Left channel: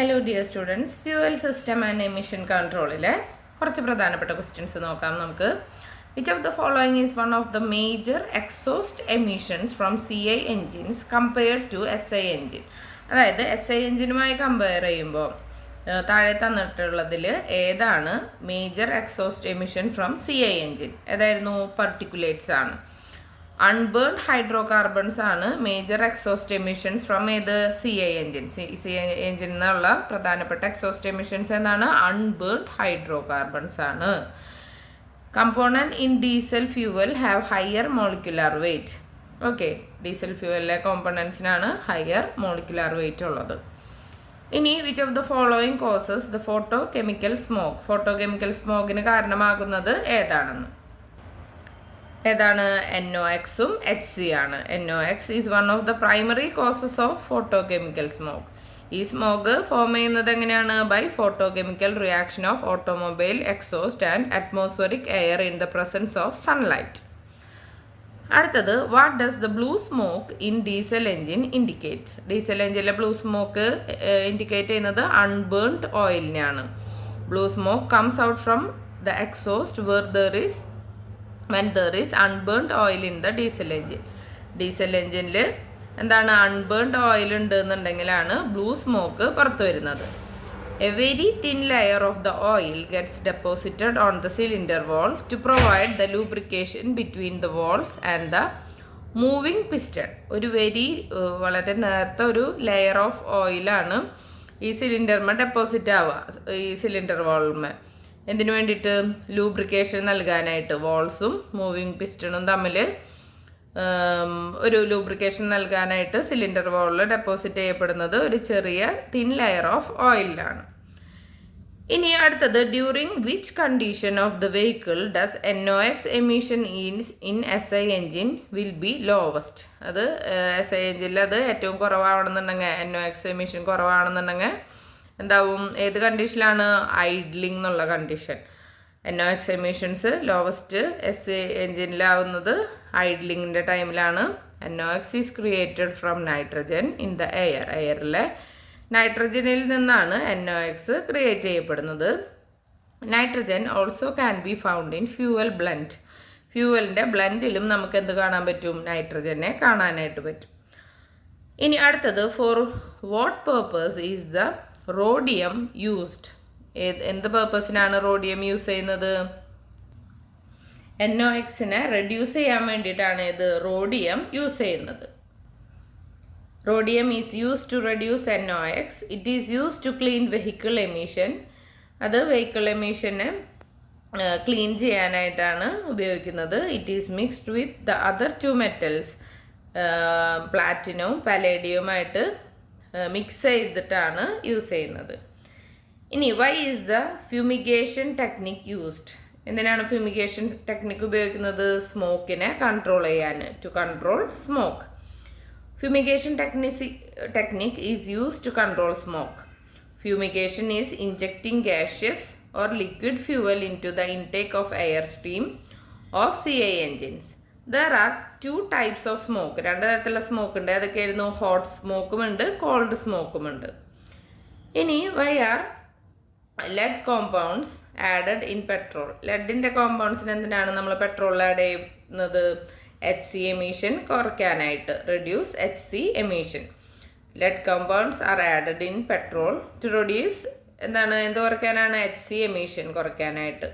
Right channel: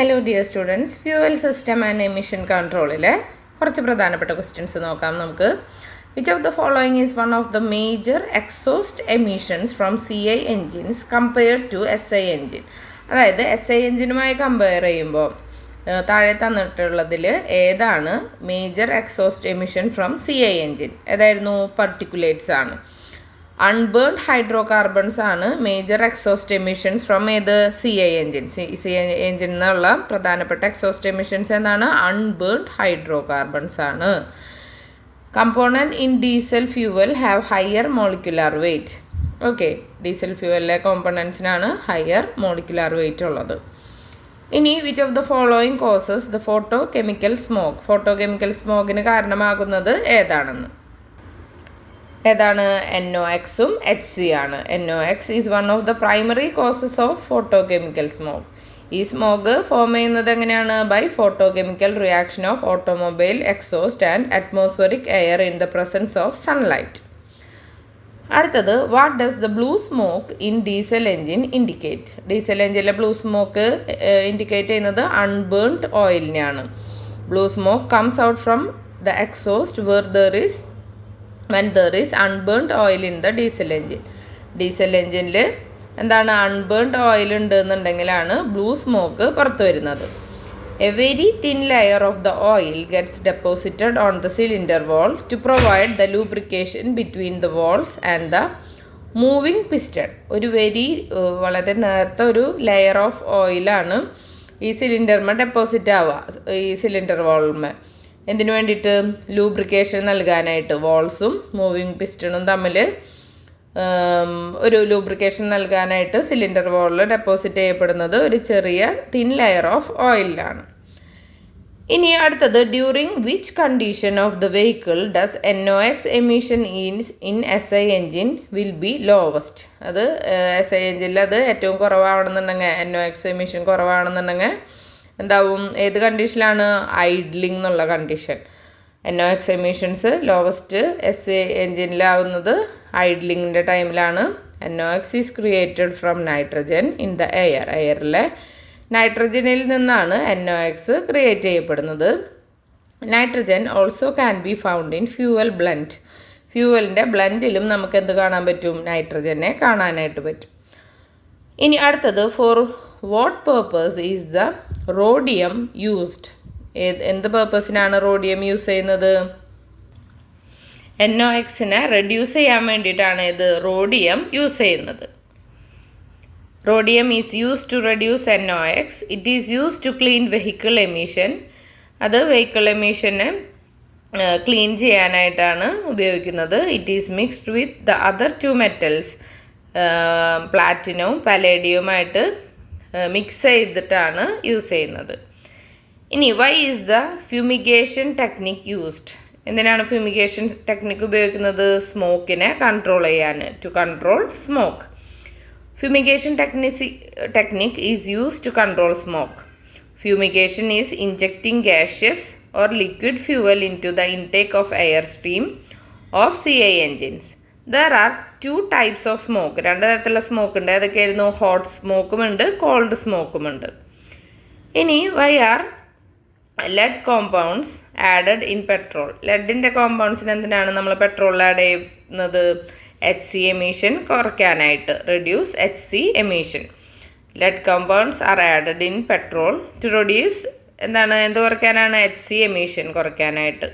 Hello dear students, fuel system and emission കൺട്രോളിലെ കുറച്ച് പ്രധാനപ്പെട്ട ക്വസ്റ്റ്യൻസ് നോക്കാം നമുക്ക്. Which of the following is one of the major exhaust emissions from CI engines compared to SI engine? അതായത് SI എൻജിനുമായി compare ചെയ്യുമ്പോൾ താഴെ തന്നിട്ടുള്ളതിൽ ഏതാണ് major exhaust emission from CI engine? ഏതായിരുന്നു? പർട്ടിക്കുലേറ്റ്സ് ആണ്. അൺബേൺഡ് ഹൈഡ്രോ കാർബൺസ് ആണ് മേജർ എക്സോസ്റ്റ് എമിഷൻസ് ഫ്രം ഏത് CI എൻജിൻ. CI എൻജിൻ എന്നുള്ള പ്രധാനപ്പെട്ട എക്സോസ്റ്റ് എമിഷൻസ് എന്താണ്? അൺബേൺഡ് ഹൈഡ്രോ കാർബൺസ് ആണ്. Component in diesel fuel have higher molecular weight. Okay, diesel ഫ്യൂവലിലെ കോമ്പണൻസിനാണ് ഹയർ മോളിക്കുലാർ വെയ്റ്റ് ഉള്ളത്. ഇനി which of the following causes the photo chemical smoke? Photo chemical സ്മോക്കിന് കാരണമാകുന്നത് ഏതാണ്? NOx-ഉം HC ആണ്. NOx is one of the primary causes of photo chemical smoke. ഈ സ്മോക്ക് ഫോം ചെയ്യുന്നത് എങ്ങനെയാണ്? By photo chemical reaction of automobile exhaust and atmospheric air in the presence of sunlight. അടുത്തത്, what does the blue smoke in diesel engine indicate? Diesel എൻജിനിലെ blue smoke indicate ചെയ്യുന്നത് unburned ഓയിലിനെയാണ്. Blue smoke comes out from the exhaust when there is unburnt oil in the diesel engine. Diesel എൻജിനിൽ എന്താണ്? Unburned oil ഉണ്ട് എന്നുണ്ടെങ്കിലാണ് blue smoke പുറത്തു വരുന്നത്. A very thin layer of the oil gets deposited on the cylinder wall to provide the lubrication between the walls and the moving piston. ഒരു വളരെ നേരത്തെ ഒരു ലെയർ ഓഫ് ഓയിലാണ് ഈ സിലിണ്ടർമ ഡെപ്പോസിറ്റ് ആവുക, ഈ സിലിണ്ടർ വാൾമ. എന്തിനു വേണ്ടിയിട്ട്? ലൂബ്രിക്കേഷൻ നൽകാനായിട്ട്. വാൾസും മൂവിങ് പിസ്റ്റണും തമ്മിൽ ഒരു ലൂബ്രിക്കേഷൻ നൽകാനായിട്ട് സിലിണ്ടർ വാളിൽ ഡെപ്പോസിറ്റ് ചെയ്യപ്പെടുന്നത് ഒരു ചെറിയ തിൻ ലെയർ ഓഫ് ഓയിലാണ്. ഇനി അടുത്തത്, during which condition of the vehicle does NOx emission in SI engine will be lowest? അത് SI എൻജിനിൽ അത് ഏറ്റവും കുറവാണെന്നുണ്ടെങ്കിൽ, NOx എമിഷൻ കുറവാണെന്നുണ്ടെങ്കിൽ എന്താവും? ഏത് കണ്ടീഷനിലാണ്? ഐഡ്ലിംഗ് എന്നുള്ള condition. NOx emissions lowest SI എൻജിനിലാവുന്നത് ഐഡ്ലിങ്ങിൻ്റെ ടൈമിലാണ്. NOx is created from nitrogen in the air. എയറിലെ നൈട്രജനിൽ നിന്നാണ് NOx ക്രിയേറ്റ് ചെയ്യപ്പെടുന്നത്. Nitrogen also can be found in fuel blend. ഫ്യൂവലിൻ്റെ ബ്ലെൻഡിലും നമുക്ക് എന്ത് കാണാൻ പറ്റും? നൈട്രജനെ കാണാനായിട്ട് പറ്റും. ഇനി അടുത്തത്, for what purpose is the rhodium used? എന്ത് പേർപ്പസിനാണ് റോഡിയം യൂസ് ചെയ്യുന്നത്? NOxനെ റെഡ്യൂസ് ചെയ്യാൻ വേണ്ടിയിട്ടാണ് ഇത് റോഡിയം യൂസ് ചെയ്യുന്നത്. Rhodium is use to reduce NOx. It is use to clean vehicle emission. അത് വെഹിക്കിൾ എമിഷനെ ക്ലീൻ ചെയ്യാനായിട്ടാണ് ഉപയോഗിക്കുന്നത്. It is mixed with the other two metals. പ്ലാറ്റിനവും പലേഡിയവുമായിട്ട് മിക്സ് ചെയ്തിട്ടാണ് യൂസ് ചെയ്യുന്നത്. ഇനി why is the fumigation technique used? എന്തിനാണ് ഫ്യൂമിഗേഷൻ ടെക്നിക്ക് ഉപയോഗിക്കുന്നത്? സ്മോക്കിനെ കൺട്രോൾ ചെയ്യാൻ, to control smoke. Fumigation technique is used to control smoke. Fumigation is injecting gaseous or liquid fuel into the intake of air stream of CI engines. There are two types of smoke. രണ്ട് തരത്തിലുള്ള smoke ഉണ്ട്. ഏതൊക്കെയായിരുന്നു? Hot സ്മോക്കും ഉണ്ട്, called സ്മോക്കും ഉണ്ട്. ഇനി why are lead compounds added in petrol? ലെഡിൻ്റെ കോമ്പൗണ്ട്സിന് എന്തിനാണ് നമ്മൾ പെട്രോളിൽ ആഡ് ചെയ്യുന്നത്? HC എമിഷൻ കുറയ്ക്കാനായിട്ട്, reduce HC emission. Lead compounds are added in petrol to reduce എന്ത് കുറയ്ക്കാനാണ്? HC എമിഷൻ കുറയ്ക്കാനായിട്ട്.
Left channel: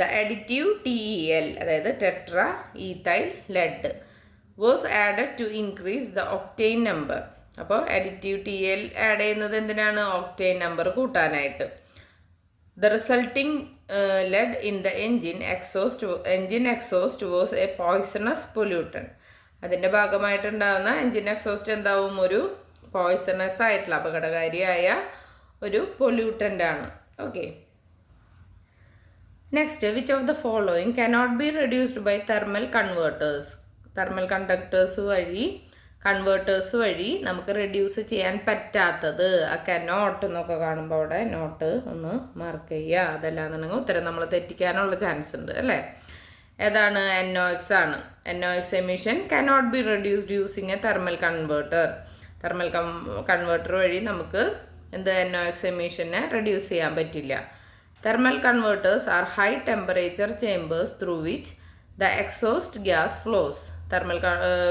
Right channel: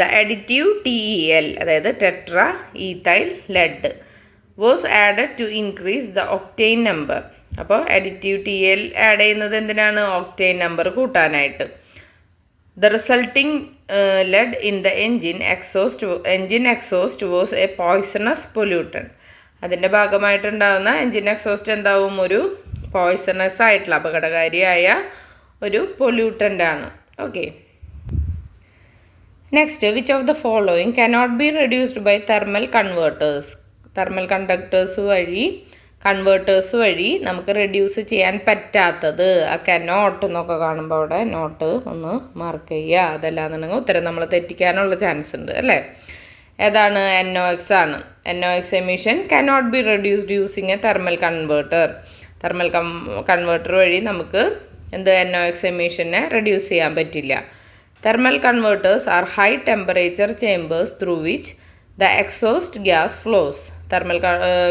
ദ അഡിറ്റീവ് TEL, അതായത് tetra ethyl lead, was added to increase the octane number. അപ്പോൾ അഡിറ്റീവ് TL ആഡ് ചെയ്യുന്നത് എന്തിനാണ്? Octane number കൂട്ടാനായിട്ട്. The resulting lead in the engine exhaust was a poisonous pollutant. അതിൻ്റെ ഭാഗമായിട്ടുണ്ടാകുന്ന engine exhaust എന്താവും? ഒരു poisonous ആയിട്ടുള്ള അപകടകാരിയായ ഒരു പൊല്യൂട്ടൻ്റാണ്. Okay, next, which of the following cannot be reduced by thermal converters? Thermal converters വഴി നമുക്ക് റെഡ്യൂസ് ചെയ്യാൻ പറ്റാത്തത്. ആ കനോട്ട് എന്നൊക്കെ കാണുമ്പോൾ അവിടെ നോട്ട് ഒന്ന് മാർക്ക് ചെയ്യുക. അതല്ലാന്നുണ്ടെങ്കിൽ ഉത്തരം നമ്മൾ തെറ്റിക്കാനുള്ള ചാൻസ് ഉണ്ട് അല്ലേ? ഏതാണ്? NOx ആണ്. NOx emission cannot be reduced using a thermal converter. Thermal converter വഴി നമുക്ക് എന്ത് NOx എമിഷനെ റെഡ്യൂസ് ചെയ്യാൻ പറ്റില്ല. Thermal converters are high temperature chambers through which the exhaust gas flows. Thermal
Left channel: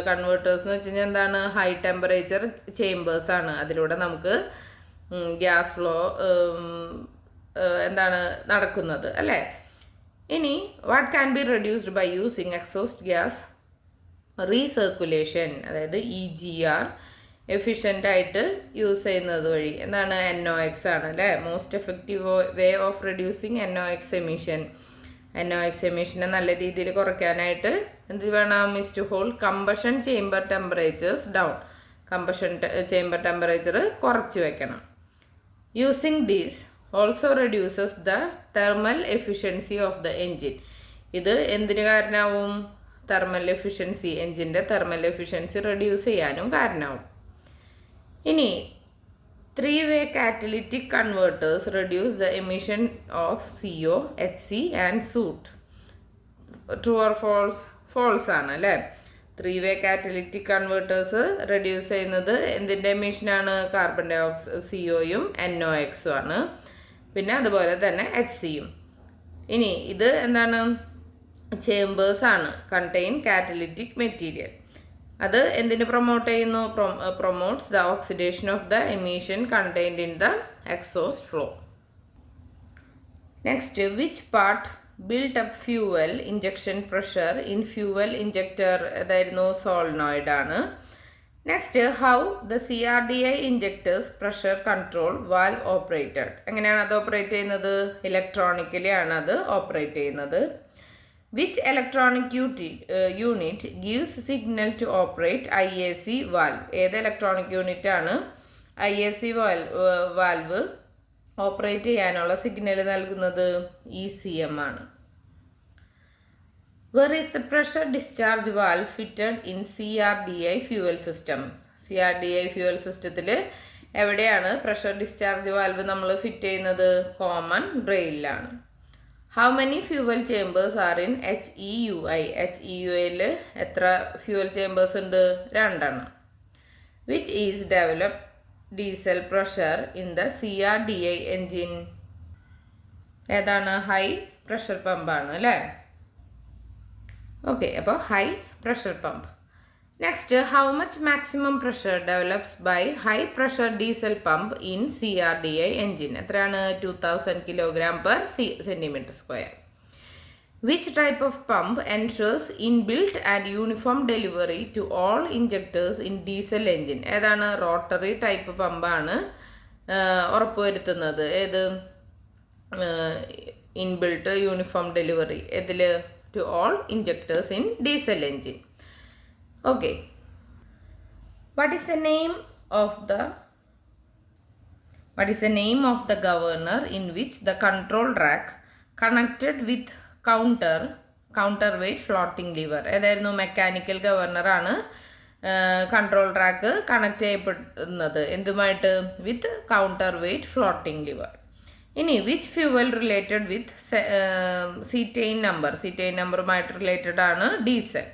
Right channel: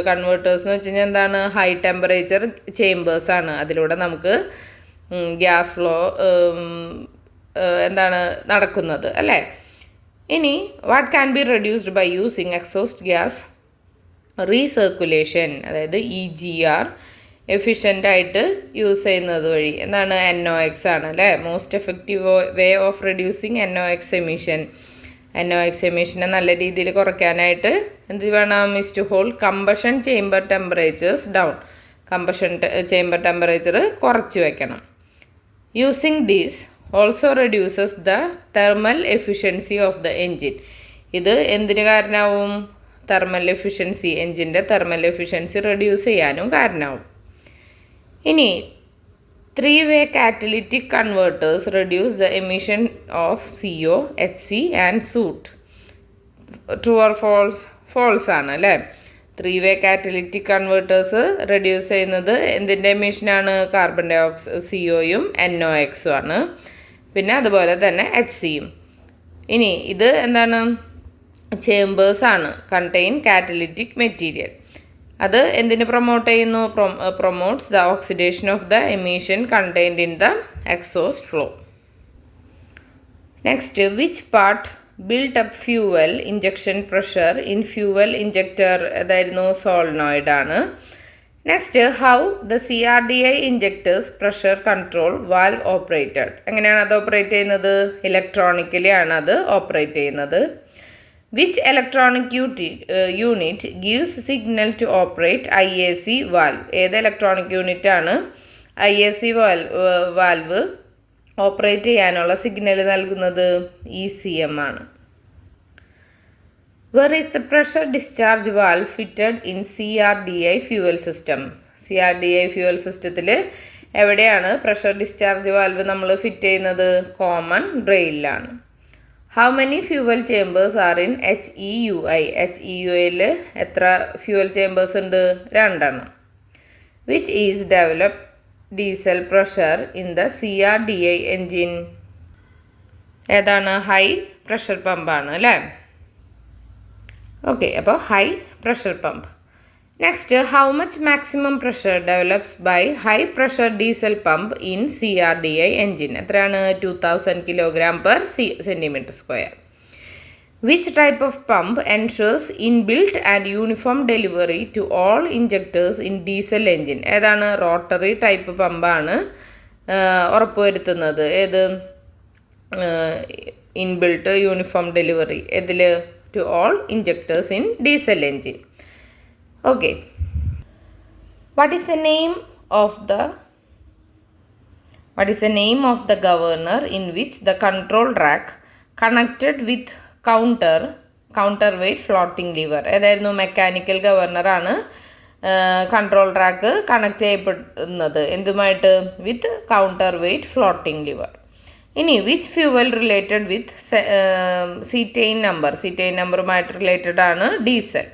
converters എന്ന് വെച്ച് കഴിഞ്ഞാൽ എന്താണ്? ഹൈ ടെമ്പറേച്ചർ ചേമ്പേഴ്സാണ്. അതിലൂടെ നമുക്ക് ഗ്യാസ് ഫ്ലോ എന്താണ് നടക്കുന്നത് അല്ലേ. ഇനി what can be reduced by using exhaust gas recirculation, അതായത് EGR എഫിഷ്യൻ്റായിട്ട് യൂസ് ചെയ്യുന്നത് വഴി. എന്താണ്? NOx ആണ് അല്ലേ. Most effective way of reducing NOx emission. NOx എമിഷനെ നല്ല രീതിയിൽ കുറയ്ക്കാനായിട്ട് എന്ത് വേണം? Is to hold combustion chamber temperatures down. Combustion chamber temperature കുറച്ച് വയ്ക്കണം. Using these also reduces the thermal efficiency of the engine. ഇത് എന്തിന് കാരണമാവും? തെർമൽ എഫിഷ്യൻസി, എൻജിൻ്റെ തെർമൽ എഫിഷ്യൻസി റെഡ്യൂസ് ചെയ്യാനും കാരണമാവും. ഇനി 3-way catalytic converters reduce the emission of CO, HC and soot. True or false? False ആണ് അല്ലേ. 3-way catalytic converters റെഡ്യൂസ് ചെയ്യുന്നത് എന്തിൻ്റെ എമിഷനാണ്? കാർബൺ ഡൈ ഓക്സൈഡ്, COയും NOxും ആണ്. പിന്നെ അതുപോലെ തന്നെ HCയും. ഇനി ഇത് എന്താണ്? ചേമ്പേഴ്സാണ്. Contain catalytic material. അത് എന്തിന് പ്രൊമോട്ട് ചെയ്യുന്നു? Promotes the oxidation of the emission contained in the exhaust flow. Next, which part build up fuel injection pressure in fuel injector? അതായിരുന്നു സോളിനോയിഡ് ആണ്. Next, how the CRDI injectors pressure control valve operated. എങ്ങനെയാണ് അത് operate ചെയ്യുന്നത്? Electronically ആണ് അത് operate ചെയ്യുന്നത്. Which electronic unit gives signal to operate IAC valve? ഏത് electronic unit ആണ് IAC വാൽവ് ഓപ്പറേറ്റ് ചെയ്യാനുള്ള സിഗ്നൽ നൽകുന്നത്? ECM ആണ്. Where is the pressure discharge valve fitted in CRDI fuel system? CRDI fuel സിസ്റ്റത്തിൽ എവിടെയാണ് പ്രഷർ ഡിസ്ചാർജ് വാൽവ് നമ്മൾ fit ചെയ്യുന്നത്? Common റെയിലാണ്. How many fuel chambers are in HEUI? HEUIയിൽ എത്ര ഫ്യൂവൽ ചേമ്പേഴ്സ് ഉണ്ട്? 2 എണ്ണം. Which is developed diesel pressure in the CRDI engine? ഏതാണ്? ഹൈ പ്രഷർ പമ്പാണ് അല്ലേ. ഓക്കെ, അപ്പോൾ high pressure pump. Next, how much maximum pressure develops by high pressure diesel pump in CRDI engine? എത്രയാണ്? 2000 kg/cm². Which type of pump ensures inbuilt and uniform delivery to all injectors in diesel engine? ഏതാണ്? Rotary type പമ്പാണ് ഉറപ്പുവരുത്തുന്നത്. ഏത്? Inbuilt uniform delivery. ഇതിൽ? To all injectors in diesel engine. Okay, what is the name of the governor in which the control rack connected with counterweight floating lever? ഏതായിരുന്നു? Mechanical ഗവർണറാണ് control rack connect ചെയ്യപ്പെടുന്നത് എന്തുമായിട്ട്? With counter weight floating lever. ഇനി which fuel related with cetane നമ്പറുമായിട്ട് related ആണ്? Diesel.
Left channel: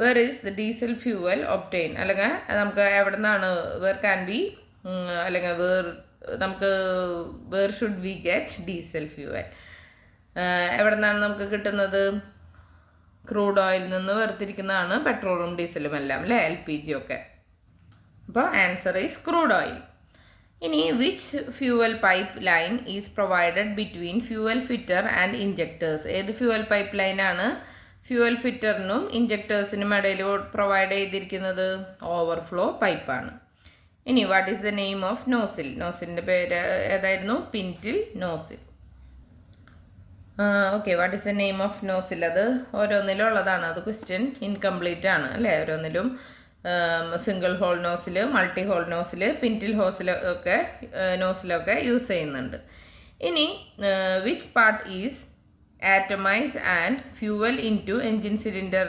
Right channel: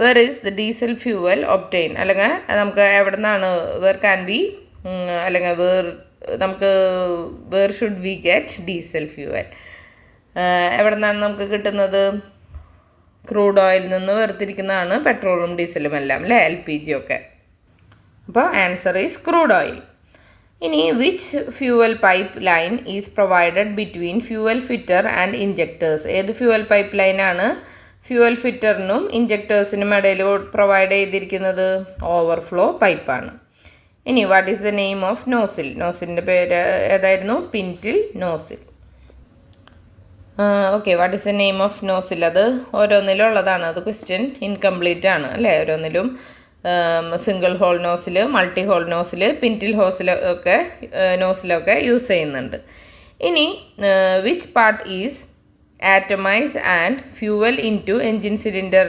Where is the diesel fuel obtain? അല്ലെങ്കിൽ നമുക്ക് എവിടെ നിന്നാണ്? വേർ ക്യാൻ ബി അല്ലെങ്കിൽ where should we get diesel fuel? എവിടെ നിന്നാണ് നമുക്ക് കിട്ടുന്നത്? ക്രൂഡ് ഓയിൽ നിന്ന് വേർതിരിക്കുന്നതാണ് പെട്രോളും ഡീസലും എല്ലാം അല്ലേ, LPG ഒക്കെ. അപ്പോൾ ആൻസർ ഈസ് ക്രൂഡ് ഓയിൽ. ഇനി which fuel pipe line is provided between fuel filter and injectors? ഏത് ഫ്യൂവൽ പൈപ്പ് ലൈനാണ് ഫ്യൂവൽ ഫിറ്ററിനും ഇഞ്ചക്ടേഴ്സിനും ഇടയിൽ പ്രൊവൈഡ് ചെയ്തിരിക്കുന്നത്? ഓവർഫ്ലോ പൈപ്പാണ്. ഇനി what is the name of nozzle? നോസിലിൻ്റെ പേര് ഏതായിരുന്നു? Pintle nozzle. Okay, what is the name of nozzle? അത് ഓരോന്നിലും ഉള്ളതാണ്. അത് ക്വസ്റ്റ്യൻ ഇൻകംപ്ലീറ്റ് ആണ് അല്ലേ. ഓരോന്നിലും single hole nozzle, multi hole nozzle, pintle നോസിലൊക്കെ യൂസ് ചെയ്യുന്നുണ്ട്. ഇനി which part is atomise and fuel into engine cylinder?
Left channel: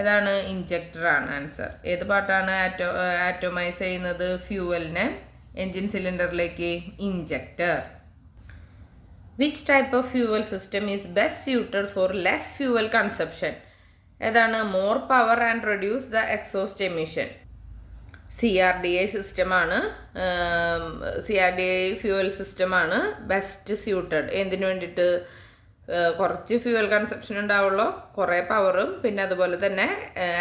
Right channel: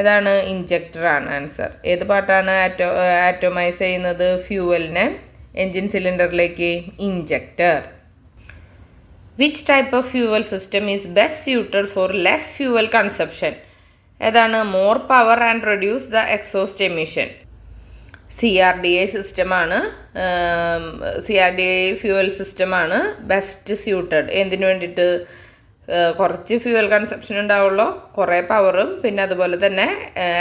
ഏതാണ്? ഇഞ്ചക്ടറാണ് ആൻസർ. ഏത് പാർട്ടാണ് ആറ്റമൈസ് ചെയ്യുന്നത് ഫ്യൂവലിനെ എൻജിൻ സിലിണ്ടറിലേക്ക്? Injector. Which type of fuel system is best suited for less fuel consumption? ഏതാണ്? More power and reduce the exhaust emission. CRDA സിസ്റ്റമാണ്. CRDA fuel സിസ്റ്റമാണ് ബെസ്റ്റ് സ്യൂട്ടഡ്. എന്തിനു വേണ്ടിയിട്ട്? കുറച്ച് ഫ്യൂവൽ കൺസപ്ഷൻ ഉണ്ടാവുള്ളൂ, കുറേ പവറും, പിന്നെ അതുപോലെ തന്നെ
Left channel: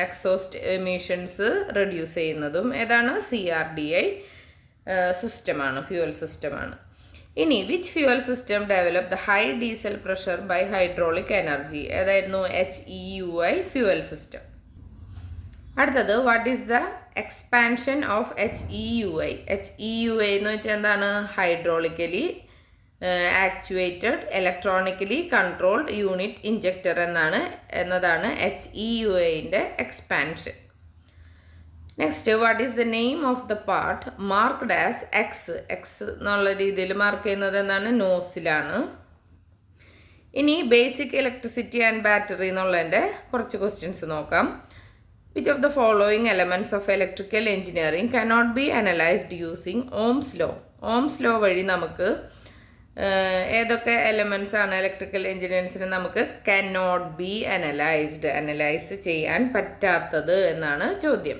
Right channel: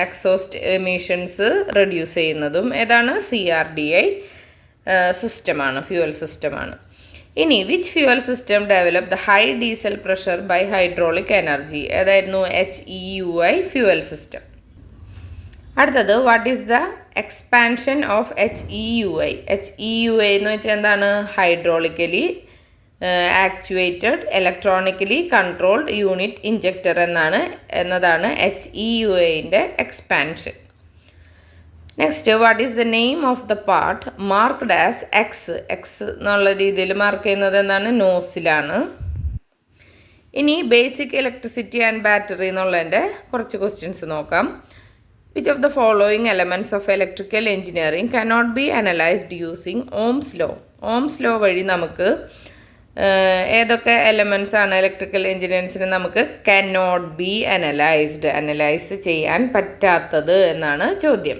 എക്സോസ്റ്റ് എമിഷൻസ് റെഡ്യൂസ് ചെയ്യുന്നതും ഏതാണ്? CRDA സിസ്റ്റമാണ്, ഫ്യൂവൽ സിസ്റ്റമാണ്. ഇനി which fuel system develop the high diesel pressure by hydraulic energy? ഏതായിരുന്നു? HEUI fuel system. അടുത്തത് what is the expansion of HEUI? HEUI എന്ന് വെച്ചാൽ എന്താണ്? Hydraulically actuated electronically controlled unit injector എന്നതാണ് HEUIൻ്റെ expansion. Next, what is the name of the part marked as X എന്നുള്ള രീതിയിൽ mark ചെയ്യുന്നത് എന്താണ്? നോസിലാണ്. ഇനി ബേസിക് ഇലക്ട്രിസിറ്റി ആൻഡ് ബാറ്ററി എന്നുള്ളതിൻ്റെ കുറച്ച് ക്വസ്റ്റ്യൻസ് നോക്കാം. Which of the following elements of electrical engineering cannot be analysed using Ohm's law? Ohm's law വഴി നമുക്ക് ഏതൊക്കെ എലമെൻറ്റ്സ് ആണ് ഇലക്ട്രിക്കൽ എഞ്ചിനീയറിംഗ്സിന് നമുക്ക് കനോട്ട് ബി അനലൈസ് ചെയ്യാൻ പറ്റാത്തത് എന്നാണ് ചോദ്യം.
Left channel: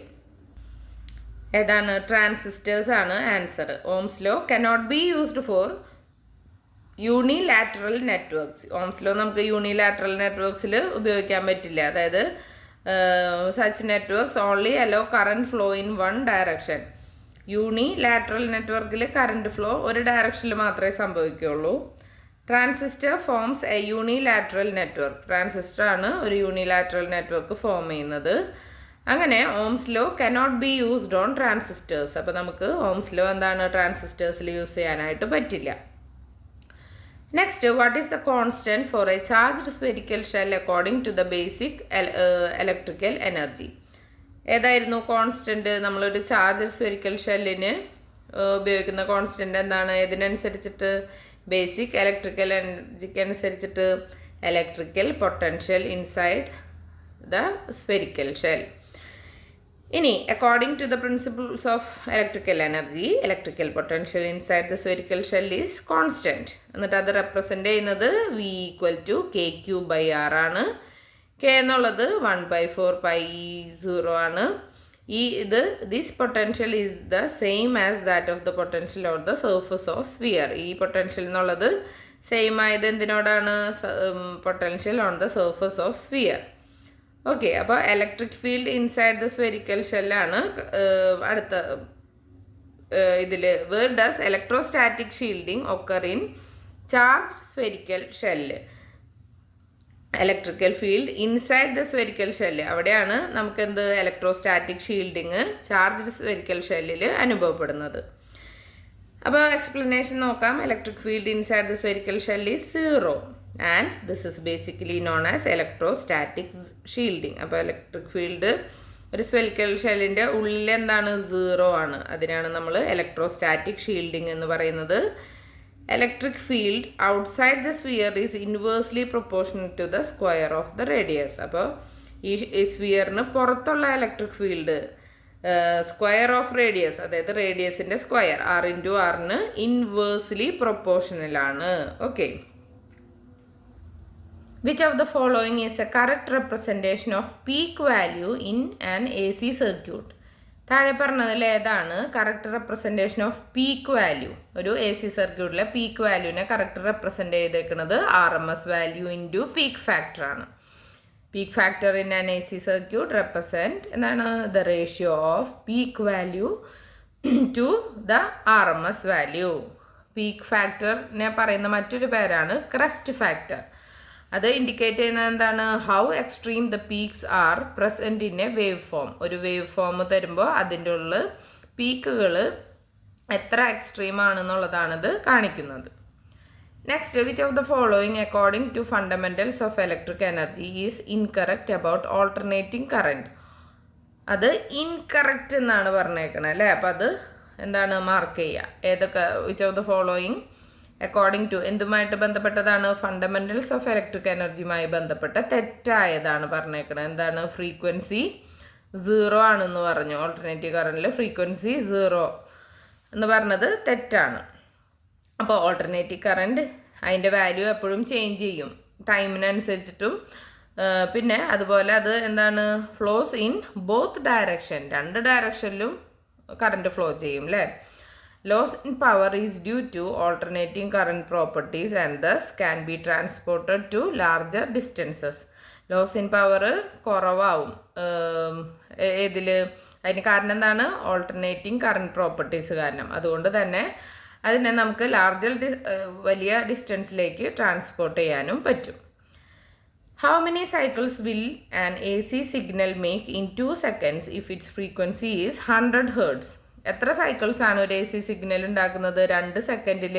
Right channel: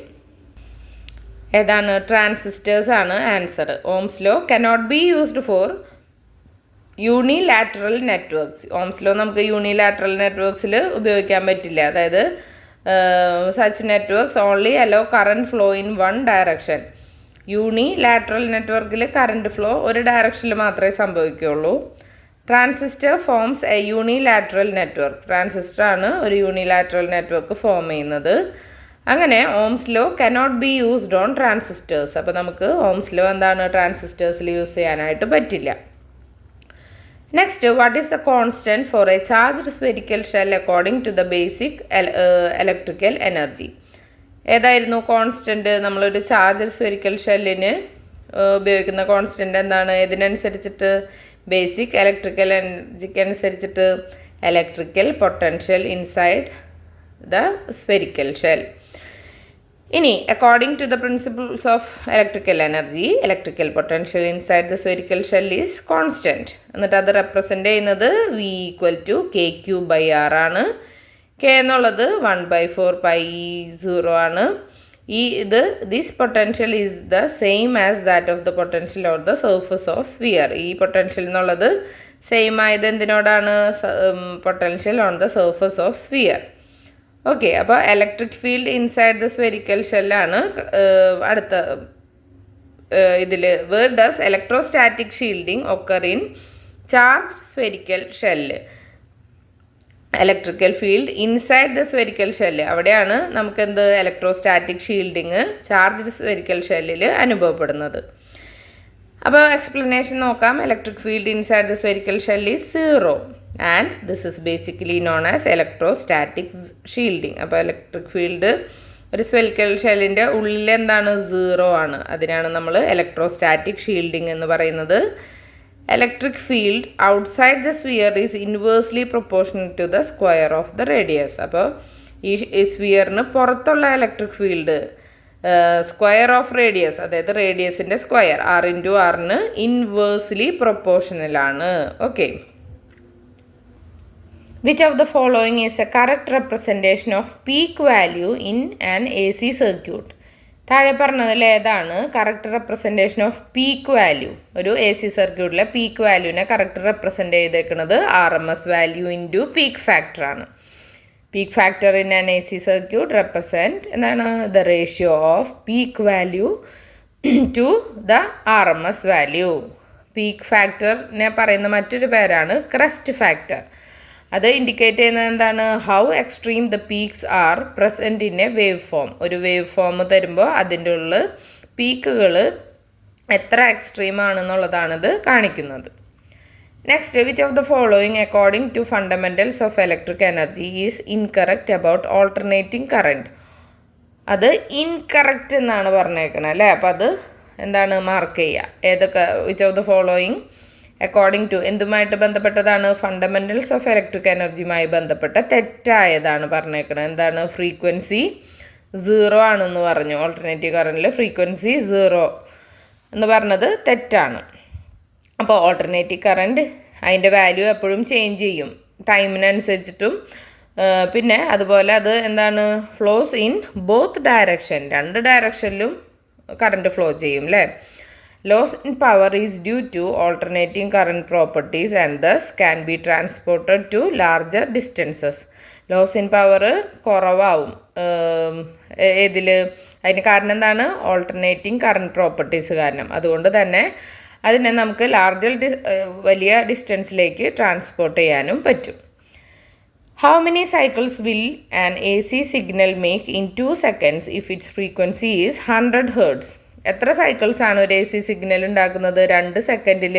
ഏതാണ്? ട്രാൻസിസ്റ്റേഴ്സ് ആണ് answer. Ohm's law cannot be used for unilateral networks. Ohm's law നമുക്ക് യൂണിലാറ്ററൽ നെറ്റ്വർക്ക്സിൽ ഉപയോഗിക്കാൻ പറ്റില്ല. അതായത് such networks only allow current flow in one direction. Unilateral നെറ്റ്വർക്കിൽ കറണ്ട് ഫ്ലോ ഒരു ഡയറക്ഷനിൽ മാത്രമേ സംഭവിക്കുകയുള്ളൂ. Transistor forms a unilateral network. Transistor ആണ് ഒരു യൂണിലാറ്ററൽ നെറ്റ്വർക്ക് ഫോം ചെയ്യുന്നത്. അങ്ങനെ Ohm's law cannot be used on transistors. അപ്പോൾ നമുക്ക് ഓംസ് ലോ എന്താണ്? ട്രാൻസിസ്റ്റേഴ്സിൽ യൂസ് ചെയ്യാനായിട്ട് പറ്റില്ല. Next, what is the constant for a charged spherical shell according to the basic electrical energy? ഏതായിരുന്നു കോൺസ്റ്റൻറ്റ്? നമ്മളൊരു ചാർജ്ഡ് സ്ഫെരിക്കൽ ഷെല്ലിന് ഉപയോഗിക്കുന്ന കോൺസ്റ്റൻറ്റ് എന്താണ്? ഇതിനനുസരിച്ചിട്ട് ബേസിക് ഇലക്ട്രിക്കൽ എനർജിക്ക് അനുസരിച്ചിട്ട് electrical potential inside the spherical shell. ഇനി according to the principles of electrical energy electrical potential inside the spherical shell is constant. എന്നിട്ട് അത് റെപ്രസെൻ്റ് ചെയ്യുന്നത് V = K3/R ആണ്. K എന്നുള്ളത് 1/4π0 ആണ്. This potential is the same as that of the potential on the surface of sphere. ഈ potential എന്നുള്ളത് same ആയത് എന്തിനോടാണ്? Potential on the surface of sphere. Okay, അപ്പോൾ electric field inside the spherical ഷെല്ലാണ് അടുത്ത ഇതിൽ. Where does electrostatic shielding occur in charged spherical shell? Electrical field inside the spherical shell, അവിടെയാണ് നമുക്കെന്ത്? ഇലക്ട്രോസ്റ്റാറ്റിക് ഷീൽഡിങ് ചാർജ്ഡ് സ്ഫെരിക്കൽ ഷെല്ലിൽ അനുഭവപ്പെടുന്നത്. അപ്പോൾ explanation നോക്കാം. Electric field inside the spherical shell is 0 and this is basically known as electrostatic shielding. അപ്പോൾ electric field ഒരു spherical ഷെല്ലിൻ്റെ ഉള്ളിൽ എന്താണ്? 0 ആണ്. അതിനാണ് നമ്മൾ ഇലക്ട്രോസ്റ്റാറ്റിക് ഷീൽഡിങ് എന്ന് പറയുന്നത്. Electric field outside the sphere is inversely proportional to the square of the radius. അപ്പോൾ ഈ സ്ഫിയറിന് പുറത്തുള്ള electric field square of radius, അതായത് റേഡിയസിൻ്റെ സ്ക്വയർ R/R ഇൻവേഴ്സ്ലി പ്രൊപ്പോർഷണലാണ്. Okay, which of the following is a correct representation of peak value in an AC circuit? താഴെ പറഞ്ഞതിൽ ഏതാണ് correct representation of peak value? ഒരു AC സർക്യൂട്ടിലെ പീക്ക് വാല്യൂവിനെ correct represent ചെയ്തേക്കുന്നത് RMS വാല്യൂ ഇൻറ്റു പീക്ക് ഫാക്ടറാണ്. Peak factor in an AC circuit represent എന്താണ്? The ratio of peak value to the RMS value. Peak ഫാക്ടറിനെ പറയുന്ന മറ്റൊരു പേരാണ് ക്രെസ്റ്റ് ഫാക്ടർ. അത് ഇൻഡിക്കേറ്റ് ചെയ്യുന്നത് എന്താണ്? How extreme the peaks are present in a wave form. ഒരു വേവ് ഫോം തരുമ്പോൾ അതിൻ്റെ ഉള്ളിൽ പീക്കുകൾ എത്ര എക്സ്ട്രീം ആണെന്നുള്ളതാണിത് കാണിക്കുന്നത്. Next, which of the following according to fundamentals of electric energy is incorrect about alternating current? അത് ഇൻകറക്റ്റ് എന്നാണ് പറഞ്ഞേക്കണത് അല്ലേ? അപ്പോൾ അത് എന്താണ്? മാർക്ക് ചെയ്യുക. ഏതൊക്കെ? Which of the following according to എന്തുമായിട്ട് ബന്ധപ്പെട്ടതാണ്? ഫണ്ടമെൻറ്റൽസ് ഓഫ് ഇലക്ട്രിക് എനർജിയുമായി ബന്ധപ്പെട്ട തെറ്റായതാണ് പറഞ്ഞേക്കുന്നത്. എന്താണ്? ഫ്രീക്വൻസി 0 ആണെന്ന് പറഞ്ഞു. ഓൾട്ടർനേറ്റീവ് കറണ്ടിൽ ഫ്രീക്വൻസി 0 എന്ന് പറഞ്ഞത് തെറ്റാണ്. അപ്പോൾ ഓൾട്ടർനേറ്റീവ് കറണ്ട് അതിൻ്റെ വാല്യൂ എപ്പോഴും ചേഞ്ച് ചെയ്യും ടൈമിനനുസരിച്ചിട്ടും. പിന്നെ അതുപോലെ അത് എന്താണ്? ഫ്ലോസ് ഇൻ ബോത്ത് ഡയറക്ഷൻ, രണ്ട് ഡയറക്ഷനിലും കറണ്ട് ഫ്ലോ ചെയ്യും അല്ലേ. Loss in power is due to alternating current properties and thus can be transported to larger distances. Loss in power കുറവാവും അതിന് കാരണം എന്താണ്? ഓൾട്ടർനേറ്റിംഗ് കറണ്ട് പ്രോപ്പർട്ടീസ് കാരണം. അതുകൊണ്ട് തന്നെ അതിനെ നമുക്ക് വലിയ ഡിസ്റ്റൻസിലേക്ക് ട്രാൻസ്പോർട്ട് ചെയ്യാനും പറ്റും. How many cycles will an AC signal make in 2 seconds if its frequency is 100 Hz? എത്ര സൈക്കിൾസ് ആണ് ഒരു AC സിഗ്നൽ ഉണ്ടാക്കുന്നത് 2 സെക്കൻഡിൽ?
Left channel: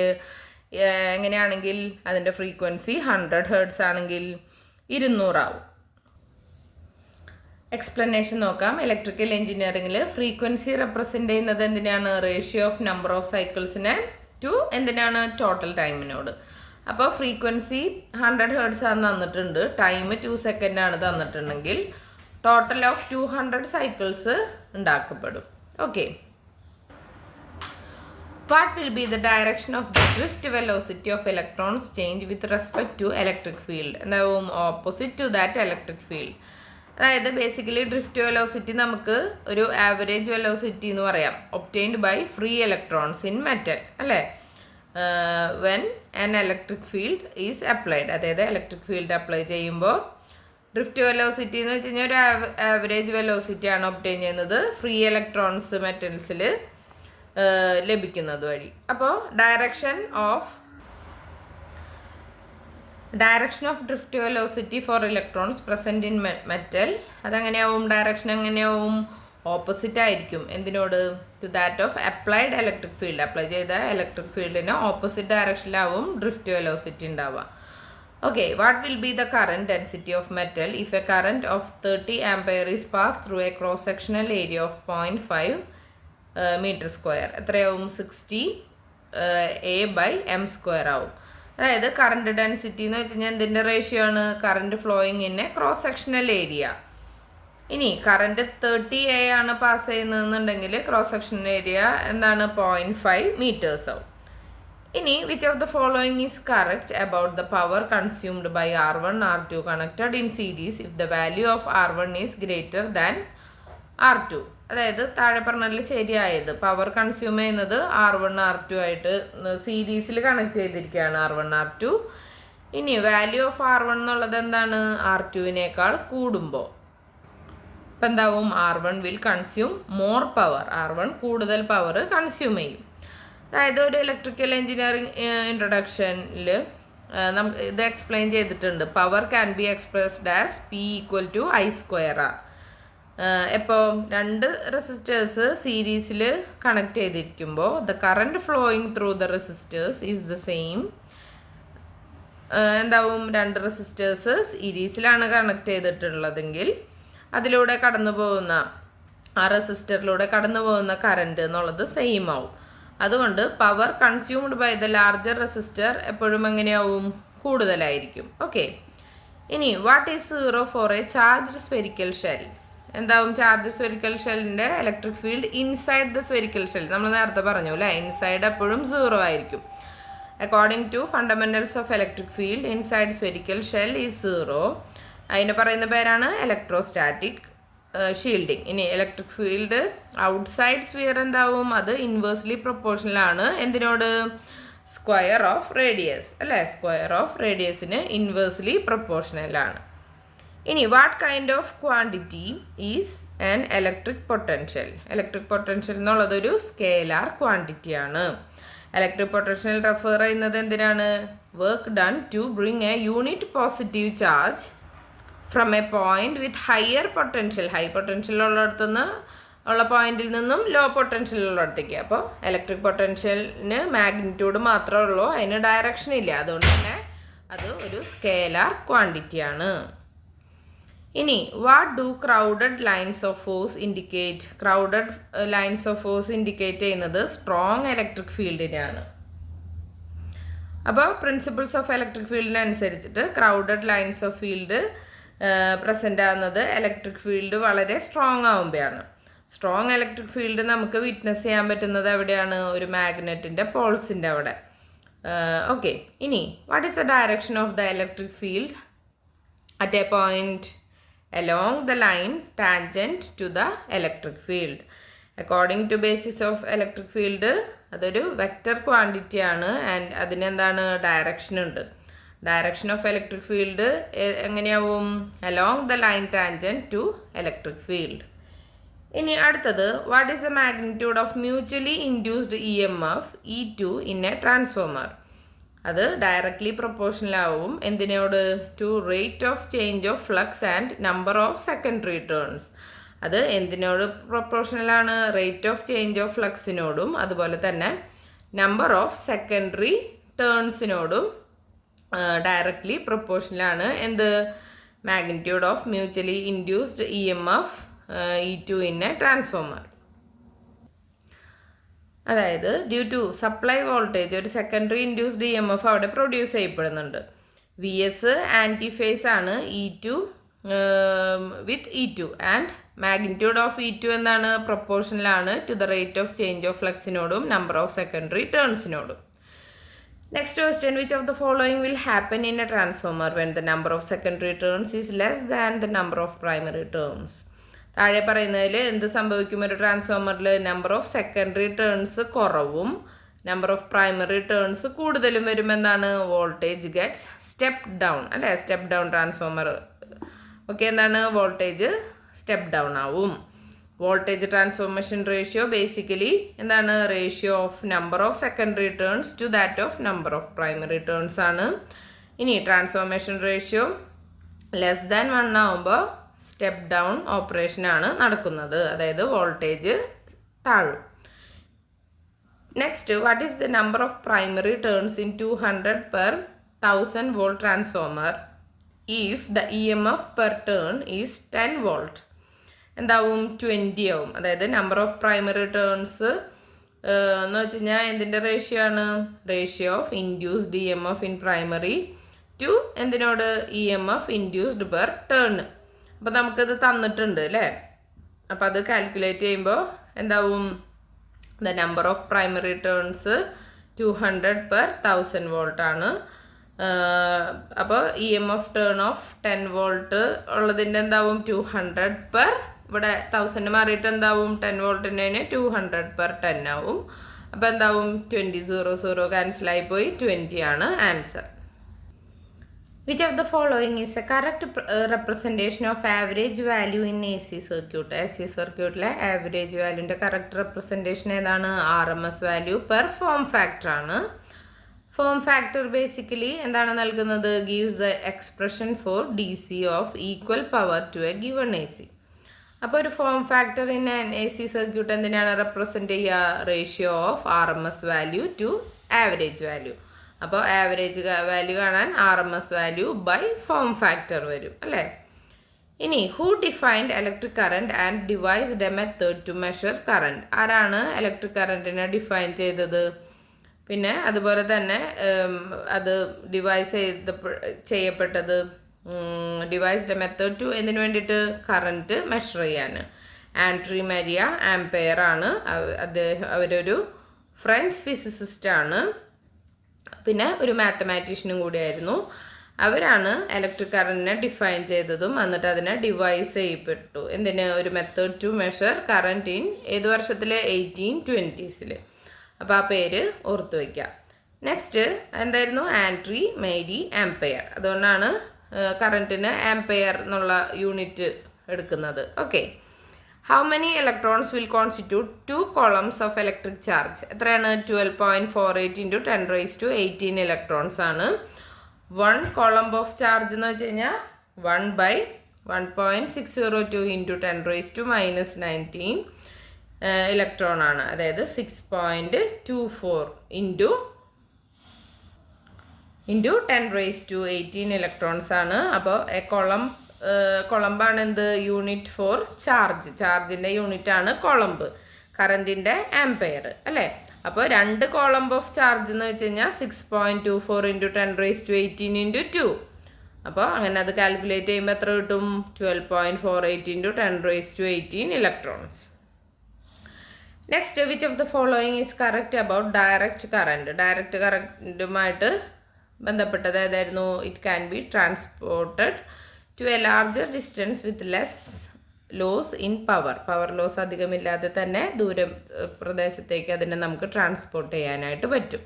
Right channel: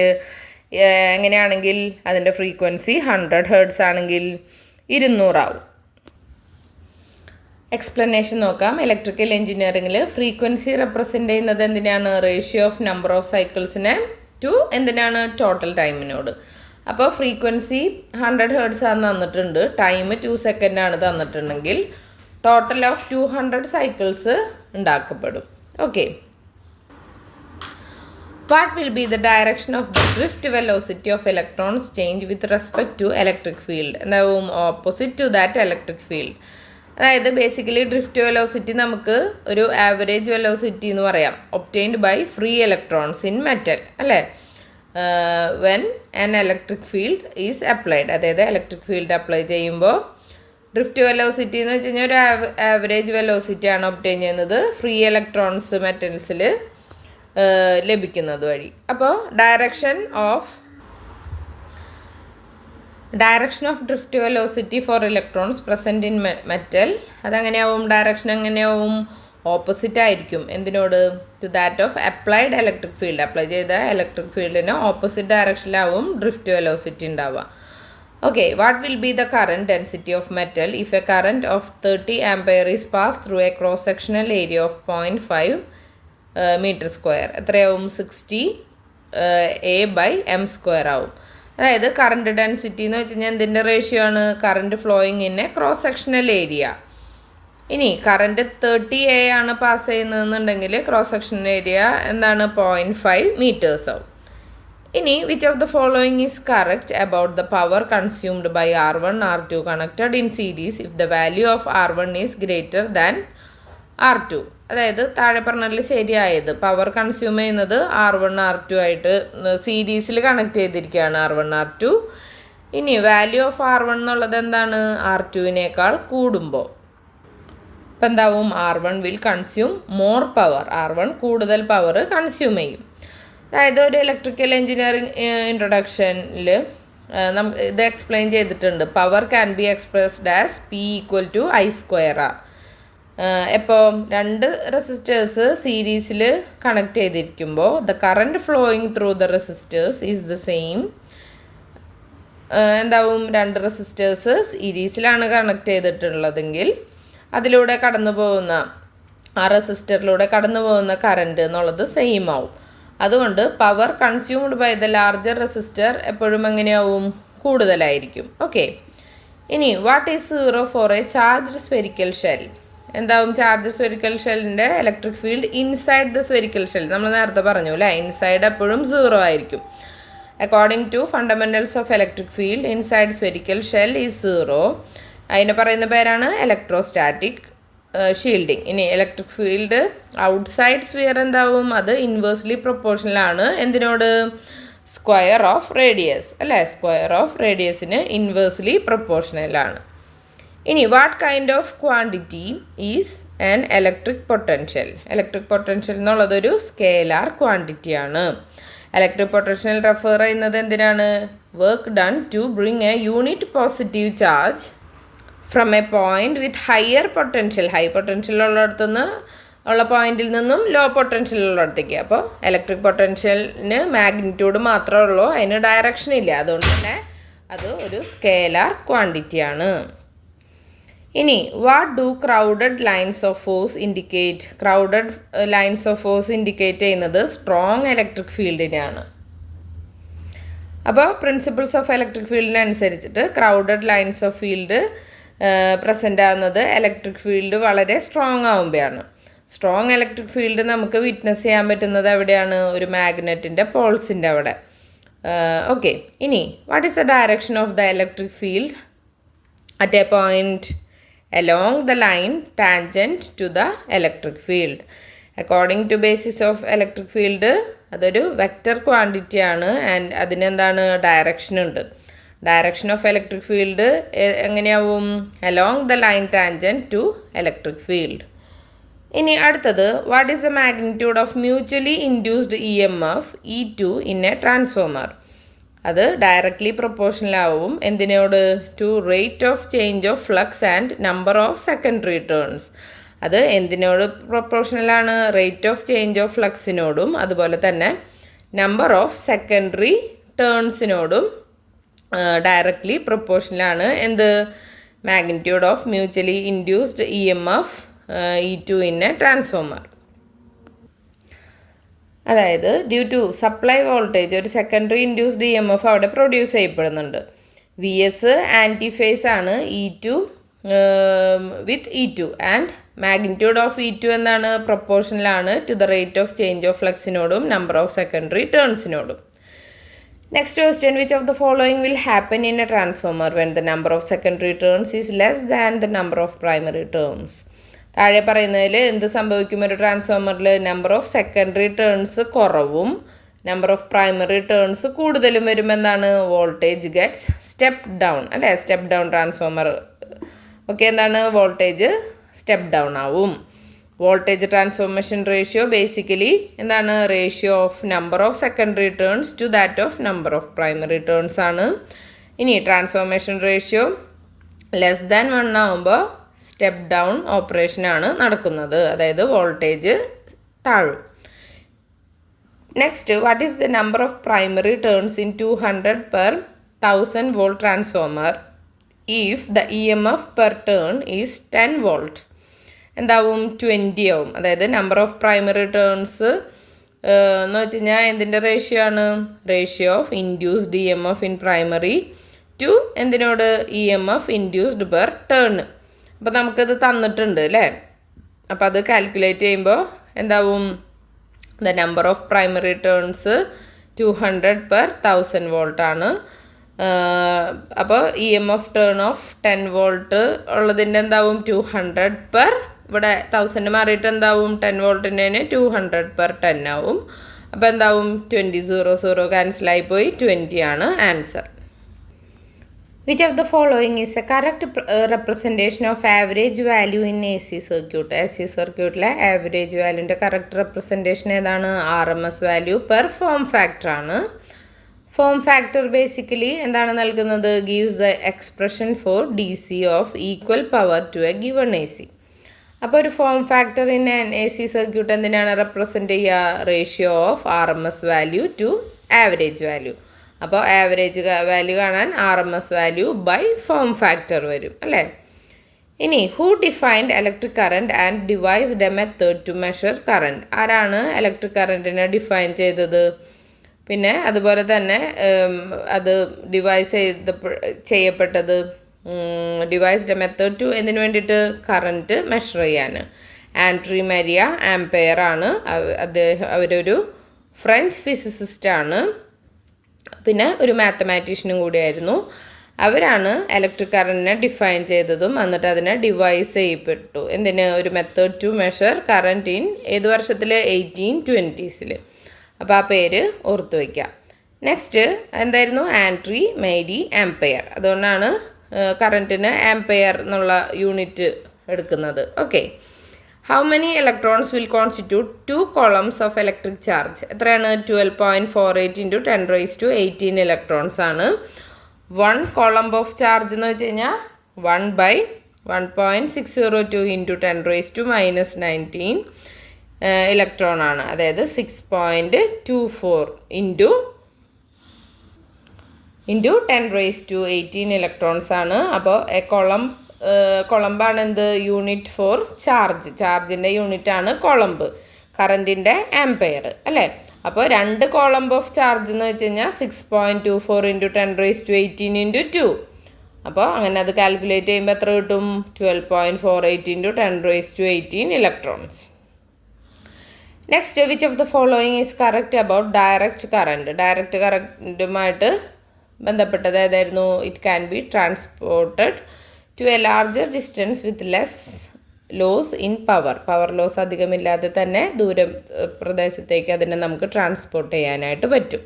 എങ്ങനെയാണെങ്കിൽ അതിൻ്റെ ഫ്രീക്വൻസി 100 Hz ആണെങ്കിൽ 200 ആവും. എക്സ്പ്ലനേഷൻ നോക്കാം. ഇലക്ട്രിക്കൽ എഞ്ചിനീയറിംഗിൽ ഫ്രീക്വൻസി റെപ്രസെൻ്റ് ചെയ്യുന്നത് എന്തിനാണ്? റേഷ്യോ ഓഫ് നമ്പർ ഓഫ് സൈക്കിൾസിനെ ടു എന്തിനാണ്? ടോട്ടൽ ടൈമിനോട്. അപ്പോൾ ഫ്രീക്വൻസി 100 Hz ആണ് തന്നിട്ടുണ്ട്, ടൈം 2 സെക്കൻഡാണ് തന്നിട്ടുണ്ടെങ്കിൽ ടോട്ടൽ ഓഫ് 200 സൈക്കിൾസ് ഉണ്ടാക്കപ്പെടും. Okay. What will be the direction of the drift velocity of electrons change with respect to electric field? എന്താവും? Opposite to that electric field. അതായത് ബേസിക്കലി ഡ്രിഫ്റ്റ് വെലോസിറ്റി നമുക്ക് ഒരു average velocity എന്ന് പറയാം, obtained by free electrons in metal അല്ലേ. When an electric field is applied, അതായത് electric field apply ചെയ്യുമ്പോൾ drift velocity എന്ന് വെച്ച് കഴിഞ്ഞാൽ ഒരു ആവറേജ് വെലോസിറ്റിയാണ് ഒബ്റ്റെയിൻ ചെയ്യുന്നത് ഫ്രീ ഇലക്ട്രോൺസ് മെറ്റൽസിൽ ലഭിക്കുന്നത് വഴി. അപ്പോൾ direction of drift velocity for electrons present in metal അതെങ്ങനെയാവും? ഡയറക്ഷൻ എങ്ങനെയാവും? ഓപ്പോസിറ്റ് ആയിരിക്കും. എന്തിനോട്? To that of applied electric field. Apply ചെയ്ത ഇലക്ട്രിക് ഫീൽഡിന് ഓപ്പോസിറ്റ് ഡയറക്ഷനിലാവും ഡ്രിഫ്റ്റ് വെലോസിറ്റി ഉണ്ടാവുക. Okay. What will be the current density of metal if a current of 30 ampere is pass through a cross sectional area of 0.5 metre square? എത്രയാവും? 60 A/m² ആവും. അതായത് current density എന്ന് വെച്ച് കഴിഞ്ഞാൽ എന്തിൻ്റെ റേഷ്യോ ആണ്? Current flowing in a cross sectional area. ഇനി current 30 A ആണ് പാസ് ചെയ്യുന്നതെന്നുണ്ടെങ്കിൽ ക്രോസ് സെക്ഷണൽ ഏരിയ എന്താണ്? 0.5 മീറ്റേഴ്സ് ആവും. ഇനി which of the following is correct about the power consumed by R1 R2 connected in series if the value of R1 is greater than R2? അതായത് താഴെ പറഞ്ഞതിൽ ശരിയായത് power consume ചെയ്യുന്നത് R1 R2 ആയിട്ട് സീരീസിൽ കണക്ട് ചെയ്തിരിക്കുകയാണ് R1 R2. ഇനി value of R1 എന്നുള്ളത് എന്താണ്? R2വിനേക്കാൾ കൂടുമ്പോൾ. അപ്പം എന്താവും? R1 will consume more power. R1 കൂടുതൽ പവർ കൺസ്യൂം ചെയ്യും. അതായത് ഒരു ഇലക്ട്രിക്കൽ എഞ്ചിനീയറിംഗ് ഇൻട്രൊഡക്ഷനിൽ നമുക്ക് ഇത് എക്സ്പ്ലെയിൻ ചെയ്തിട്ടുണ്ട്. Power can be expressed as P = I²R. ഇപ്പോൾ 2 റെസിസ്റ്റേഴ്സ് സീരീസിൽ കണക്ട് ചെയ്തിരിക്കുമ്പോൾ the current flowing through the resistors is the same. എന്താവും? 2 റെസിസ്റ്റേഴ്സ് സീരീസിലാണ് കണക്ട് ചെയ്തിട്ടുള്ളതെങ്കിൽ അതിലൂടെ കടന്നു പോകുന്ന ആ റെസിസ്റ്ററിലൂടെ കടന്നു പോകുന്ന കറണ്ട് എന്നുള്ളത് സെയിം ആവും. അതുകൊണ്ട് power consumed by the larger resistor എപ്പോഴും എങ്ങനെയാവും? കൂടുതലായിരിക്കും. ഓക്കെ. ഇനി what is 0 for a charged spherical shell? എന്താവും? ചാർജ് സ്ഫെരിക്കൽ ഷെല്ലിൻ്റെ electric field inside the spherical shell. നമ്മൾ നേരത്തെ പറഞ്ഞു അല്ലേ, ഇൻസൈഡ് എപ്പോഴും 0 ആയിരിക്കും. According to fundamentals of electric field inside spherical shell is 0. അതിന് പറയുന്ന പേരാണ് ഇലക്ട്രോസ്റ്റാറ്റിക് ഷീൽഡിങ്. ഇനി ഇലക്ട്രിക് ഫീൽഡ് ഔട്ട്സൈഡ് സ്ഫിയർ എന്താവും? അത് ഇൻവേഴ്സ്ലി പ്രൊപ്പോർഷണലാണ് എന്തിനോട്? സ്ക്വയർ ഓഫ് റേഡിയസ് അല്ലേ. സ്ക്വയർ ഓഫ് റേഡിയസിന് ഇൻവേഴ്സ്ലി പ്രൊപ്പോർഷണലാണ്. ഇനി what kind of quantity is an electric potential? Electric potential എന്നുള്ളതൊരു സ്കേലാർ ക്വാണ്ടിറ്റിയാണ്. ഇലക്ട്രിക് പൊട്ടൻഷ്യൽ റെഫർ ചെയ്യുന്നത് എന്തിനാണ്? Work done to bring a unit positive charge from a point with higher potential. High potential ഉള്ളിടത്തുനിന്ന് ഉള്ള പോയിന്റിൽ നിന്നും ലോ പൊട്ടൻഷ്യൽ ഉള്ളിടത്തേക്ക്. അപ്പോൾ electric പൊട്ടൻഷ്യലിന് magnitude മാത്രമേ ഉള്ളൂ, അതിന് ഡയറക്ഷൻ ഇല്ല. അതുകൊണ്ട് തന്നെ അത് ഒരു സ്കേലാർ ക്വാണ്ടിറ്റിയാണ്. ഇനി what do crowded lines of force indicate? Crowded lines of force indicate ചെയ്യുന്നത് സ്ട്രോങ് ഇലക്ട്രിക് ഫീൽഡിനെയാണ്. അപ്പോൾ പ്രിൻസിപ്പിൾസ് ഓഫ് ഇലക്ട്രിക് ഫീൽഡിനനുസരിച്ചിട്ട് crowded lines of field present ആകുന്നത് ഇലക്ട്രിക് ഫീൽഡ് വളരെ സ്ട്രോങ് ആകുമ്പോഴാണ്. സ്ട്രോങ് ഇലക്ട്രിക് ഫീൽഡ് നമുക്ക് വിറ്റ്നസ് ചെയ്യാൻ പറ്റുന്നത് എവിടെയാണ്? ഒരു മാഗ്നറ്റിൻ്റെ പോൾസിൻ്റെ അവിടെ. ഓക്കെ. ഇനി what is the direction of the electric field at a point along the line tangent to the electric field? According to basis of electric field അതൊരു വെക്റ്റർ ക്വാണ്ടിറ്റി ആണ് ആൻഡ് അതിനെന്താണ് ഡയറക്ഷൻ ഉണ്ട്. ഡയറക്ഷൻ ഓഫ് ഇലക്ട്രിക് ഫീൽഡ് എങ്ങനെയാവും? Along the line tangent to electric field. ഇനി അടുത്തത്, what is the magnitude of mutually induced EMF E2 in a transformer? അത് directly proportional ആവും എന്തിനോട്? To rate of change of flux and number of secondary turns. അത് എന്തിനോട് പ്രൊപ്പോർഷണലാണ്? Rate of change of ഫ്ലക്സിനോടും അതുപോലെ തന്നെ നമ്പർ ഓഫ് സെക്കൻഡറി ടേൺസിനോടും ഡയറക്ട്ലി പ്രൊപ്പോർഷണലാണ്. എന്ത്? Magnitude of mutually induced EMF E2 in a transformer. അതായത് ഡ്യൂ ടു സപ്ലൈ വോൾട്ടേജ് ഒരു സെക്കൻഡറി ഇൻഡ്യൂസ്ഡ് EMF അവിടെ പ്രൊഡ്യൂസ് ചെയ്യപ്പെടുന്നുണ്ട്. VS ആൻറ്റി ഫേസ് ആണ് E2 with E2 and magnitude of E2 എന്താണ്? പ്രൊപ്പോർഷണലാണ് to the rate of change of ഫ്ലക്സിനോടും number of secondary ടേൺസിനോടും. Next question, which of the following will happen in a transformer when the number of secondary turns is less than the number of primary turns? താഴെ പറയുന്നതിൽ എന്ത് സംഭവിക്കും? ഒരു ട്രാൻസ്ഫോമറിൽ number of secondary turns കുറവും number of primary turns കൂടുതലും വരുമെന്നാണ്? Voltage gets step down അല്ലേ? Step down transformer okay. എന്താണ്? വോൾട്ടേജ് സ്റ്റെപ്പ് ഡൗൺ ആവും. വോൾട്ടേജ് ട്രാൻസ്ഫോർമേഷൻ റേഷ്യോ ബേസിക്കലി എന്താണ്? Ratio of number of secondary turns to that of number of primary turns ആണ്. ഇനി transformation ratio less than 1 ആകുമ്പോൾ step down ഓപ്പറേഷനാണ് നടക്കുന്നത്, അതായത് വോൾട്ടേജ് താഴും. Next, what is the number of primary turns in 200/1000 volt transformer if the EMF per turn is 10 volt? എന്താവും? 20 ആവും. അതായത് നമ്പർ ഓഫ് പ്രൈമറി ടേൺസ് എന്ന് വെച്ച് കഴിഞ്ഞാൽ എന്തിൻ്റെ റേഷ്യോ ആണ്? Ratio of induced EMF in primary to എന്തിനോട്? EMF induced per turn. അപ്പോൾ നമുക്കത് തന്നിട്ടുണ്ട് അല്ലേ? അപ്പോൾ അത് കാൽക്കുലേറ്റ് ചെയ്യുമ്പോൾ എന്താവും? The number of primary turns 200/1000 volt ആണ്. അപ്പോൾ EMF ടേൺ ഓഫ് 10 volt ഉള്ളതിൻ്റെ എന്താവും? 200 ഇവിടെ 1000 മാറിയിട്ട് എന്താവും? 10 voltiൻ്റെ 200/10 ആവും. അപ്പോൾ എന്താവും? 20 0 ക്യാൻസലായി പോയി 20 ആണ് answer. Which of the following is a correct representation of average value in AC circuit? AC സർക്യൂട്ടിലെ ആവറേജ് വാല്യൂൻ്റെ കറക്റ്റ് റെപ്രസെൻറ്റേഷൻ ഏതാണ്? RMS value per form factor ആണ്. ഫോം ഫാക്ടർ ബേസിക്കലി എന്താണ് നൽകുന്നത്? Gives the expression for DC of equal power to a given AC. അപ്പോൾ ഒരു form factor in AC circuit എന്തിനാണ് represent ചെയ്യുക? Ratio of RMS value to average value. അപ്പോൾ average value കാണാൻ RMS value by form factor വരും അല്ലേ? ഇനി who defined electric current and devised a method to measure current? ആരാണ് electric കറണ്ടിനെ define ചെയ്തത്? പിന്നെ അതുപോലെ തന്നെ അത് ചെയ്യപ്പെട്ടത് ഡിവൈസ്ഡ് എ മെത്തേഡ് ടു എന്തിനു വേണ്ടിയിട്ട്? കറണ്ട് മെഷർ ചെയ്യാൻ. ആൻഡ്രി മരിയ ആംപെയർ ആണ്. അവരൊരു ഫ്രഞ്ച് ഫിസിസിസ്റ്റാണ്, പിന്നെ ഒരു മാത്തമാറ്റീഷ്യനും കൂടിയായിരുന്നു. അവരാണ് ഇലക്ട്രിക് കറണ്ടിനെ ഡിഫൈൻ ചെയ്തതും എന്നിട്ട് അതിനെ ഡിവൈസ് ചെയ്യപ്പെട്ടു. എന്തിന്? ഒരു method to measure current in ഏത് വർഷത്തിൽ? 1820s. അപ്പോൾ ആ പേര് ഓർത്തു വയ്ക്കാം. നെക്സ്റ്റ് എന്തായിരുന്നു? Andre Marie Ampere. അതുകൊണ്ടാണ് കറണ്ടിന് ആംപെയർ എന്നുള്ള യൂണിറ്റ് എടുക്കുന്നത്. Okay. How many electrons will constitute 2 columns of electric charge? എത്രയാണ്? 12.48 × 10⁻18 ഇലക്ട്രോൺസ് ആണ്. 1 column ഓഫ് ചാർജ് എന്ന് വെച്ച് കഴിഞ്ഞാൽ 1/1.602 × 10⁻⁻19 ഇലക്ട്രോൺ ആണ്. അതായത് 6.24 ഇൻറ്റു 10⁻18 ഇലക്ട്രോൺസ് ആണ്. അപ്പോൾ കൊളംബാണ് എന്ത്? Unit for charge. ചാർജിൻ്റെ യൂണിറ്റ് ആണ് കൊളംബ്. കറണ്ടിൻ്റെ ആംപെയർ അല്ലേ? അപ്പോൾ 2 column ഓഫ് ചാർജ് എന്ന് വെച്ച് കഴിഞ്ഞാൽ 6.24 × 10⁻18 × 2. അപ്പോൾ അങ്ങനെ അത് കാൽക്കുലേറ്റ് ചെയ്യുമ്പോൾ എത്ര കിട്ടും? 12.48 × 10⁻18 electrons. Next, which of the following is correct about direct current? Direct കറണ്ടുമായിട്ട് ബന്ധപ്പെട്ടത് ഏതായിരുന്നു? It can be transported to a larger distance with less loss in power loss അധികമില്ലാതെ തന്നെ പ്രദേശത്തേക്ക് അതിനെ നമുക്ക് ട്രാൻസ്പോർട്ട് ചെയ്യാനായിട്ട് പറ്റും.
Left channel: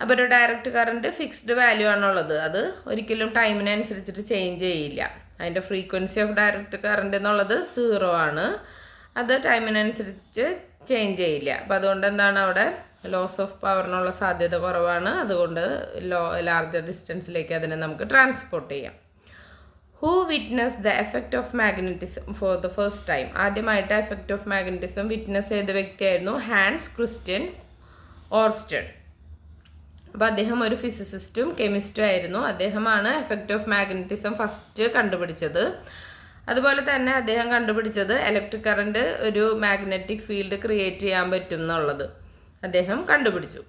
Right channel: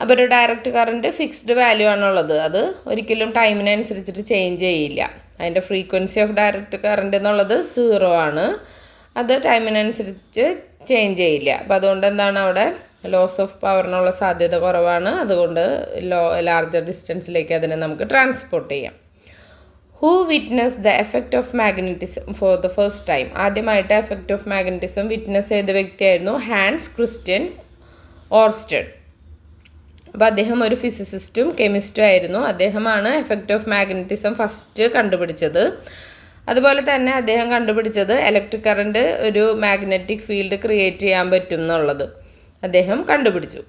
അപ്പോൾ ഒരു ഡയറക്റ്റ് കറണ്ട് ഫിക്സ്ഡ് വാല്യൂ ആണുള്ളത്. അത് ഒരിക്കലും ടൈമിനനുസരിച്ചിട്ട് ചേഞ്ച് ചെയ്യില്ല. അതിൻ്റെ ഫ്രീക്വൻസി ഓഫ് ഡയറക്റ്റ് കറണ്ട് എന്നുള്ളത് 0 ആണ്. അത് ടൈമിനനുസരിച്ച് ചേഞ്ച് ചെയ്യില്ല. അപ്പോൾ അതുകൊണ്ട് എന്താണ് അവിടെ ലോസ് ഓഫ് പവറിനുള്ള സാധ്യത കുറവാണ്. അതുകൊണ്ട് ലാർജർ ഡിസ്റ്റൻസിലേക്ക് അതിനെ നമുക്ക് ട്രാൻസ്പോർട്ട് ചെയ്യാം. Who witness the effect of magnetism for the first time? ആദ്യമായിട്ട് എഫക്റ്റ് ഓഫ് മാഗ്നറ്റിസം വിറ്റ്നസ് ചെയ്ത വ്യക്തിയായിരുന്നു ഹാൻസ് ക്രിസ്റ്റ്യൻ ഓർസ്റ്റഡ്. അപ്പോൾ അദ്ദേഹം ഒരു ഫിസിസിസ്റ്റും കെമിസ്റ്റും ആയിരുന്നു. അദ്ദേഹമാണ് എഫക്റ്റ് ഓഫ് മാഗ്നറ്റിസം ഫസ്റ്റ് കണ്ടുപിടിച്ചത്. അതുപോലെ തന്നെ അദ്ദേഹം കണ്ടുപിടിച്ചത് ഇലക്ട്രിക് കറണ്ട് ഒരു മാഗ്നറ്റിക് ഫീൽഡ് ക്രിയേറ്റ് ചെയ്യാൻ പറ്റും എന്നുള്ളത് അദ്ദേഹം കണ്ടുപിടിച്ചു.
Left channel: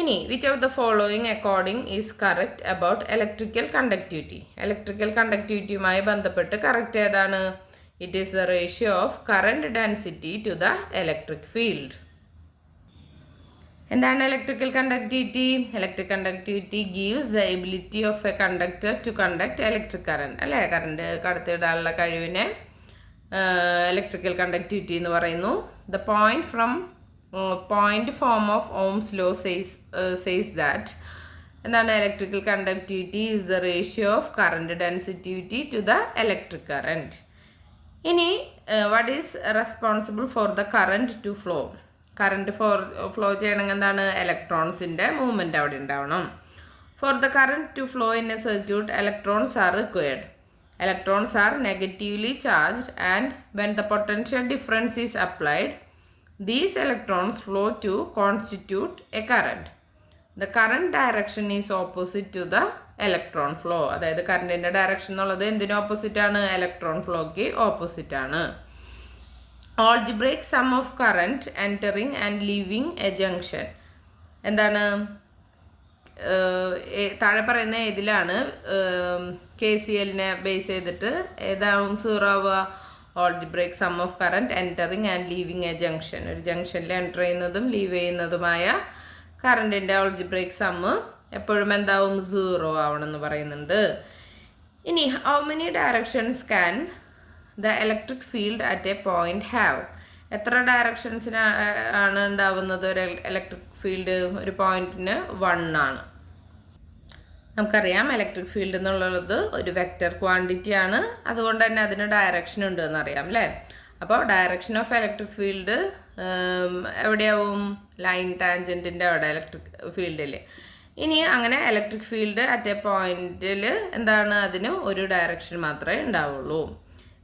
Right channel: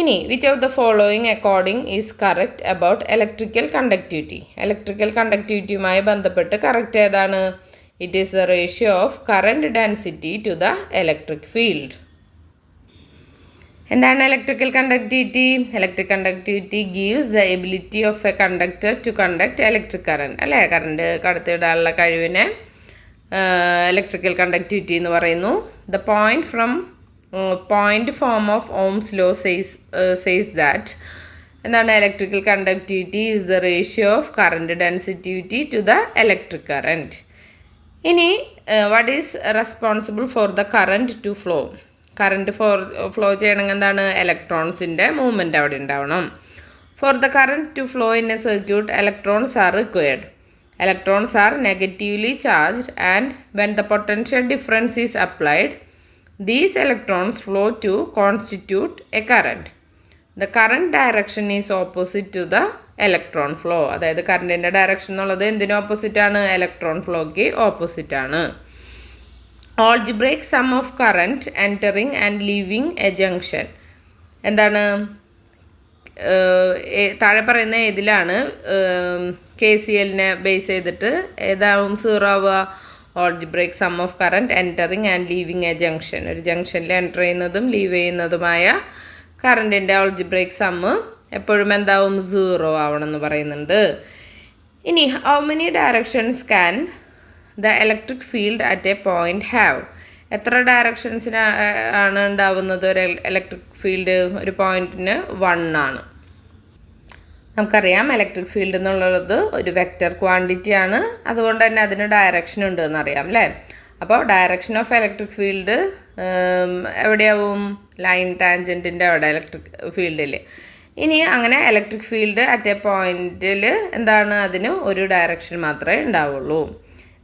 ഇനി which of the following according is correct about electrical conductivity? Electrical കണ്ടക്ടിവിറ്റിയുമായി ബന്ധപ്പെട്ട് കറക്റ്റ് ഏതാണ്? It is the ratio of current density to the electric field. എന്താണ് electrical conductivity? Electric conductivity gives the ability of a conductor to conduct electric current. അല്ലേ, current കടത്തിവിടാനുള്ള കഴിവിനെ electrical conductivity എന്ന് പറയുന്നു. The point form of Ohm's law says that എന്താണ് electrical conductivity is the ratio of current density to the electric current. ഇനി what is responsible for the current to flow? Current flow ചെയ്യണമെങ്കിൽ എന്താണ് ഇലക്ട്രോൺസിൻ്റെ movement അവിടെ ഉണ്ടാവണം. For the current to flow in a circuit electrons are required. Electrons are negatively charged and when the potential difference is applied, these electrons flow to constitute a current. The current direction is opposite to the electron flow. അതായത് കറണ്ടിൻ്റെ direction എന്നുള്ളത് എന്തിനും opposite ആണ്? Electron ഫ്ലോയ്ക്ക് opposite ആണ്. Algebraic sum of current entering and leaving a junction. എന്താണ് താഴെ പറയുന്ന ഏതിലാണ് KCLനെ base ചെയ്തിട്ട് ഏതാവും 0 ആവുക? Algebraic some of current entering and living A junction. ഒരു ജംഗ്ഷനിൽ എൻ്റർ ചെയ്യുന്നതും ലീവ് ചെയ്യുന്നതുമായ കറണ്ടിൻ്റെ ഓൾജിബ്രേക്ക് സമ്മ് എപ്പോഴും എന്താവും? 0 ആവണമെന്ന് പറയുന്നുണ്ട്. ഇനി how many directions can the electric field at A point have? എത്ര ഡയറക്ഷൻസിനാണ് ഉണ്ടാവുന്നത് ഒരു ഇലക്ട്രിക് ഫീൽഡ്? ഒരു പോയിന്റിന് 1 ആണ്. നമുക്കറിയാം ഇലക്ട്രിക് ഫീൽഡ് എന്നുള്ളത് ഒരു വെക്റ്റർ ക്വാണ്ടിറ്റി ആണ്. അതുകൊണ്ട് തന്നെ അതിന് ഡയറക്ഷൻ ഉണ്ട് എന്നറിയാം അല്ലേ? അപ്പോൾ ഡയറക്ഷൻ ഓഫ് ഇലക്ട്രിക് ഫീൽഡ് എവിടെയാവും? ലൈൻ ടാൻജൻറ്റിൻ്റെ അവിടെ ഇലക്ട്രിക് ഫീൽഡിൽ. ഇനി അങ്ങനെ ഇലക്ട്രിക് ഫീൽഡ് അറ്റ് എ പോയിന്റിൽ എന്താണ്? അതിന് ഒരു ഡയറക്ഷൻ മാത്രമേ ഉണ്ടാവുള്ളൂ.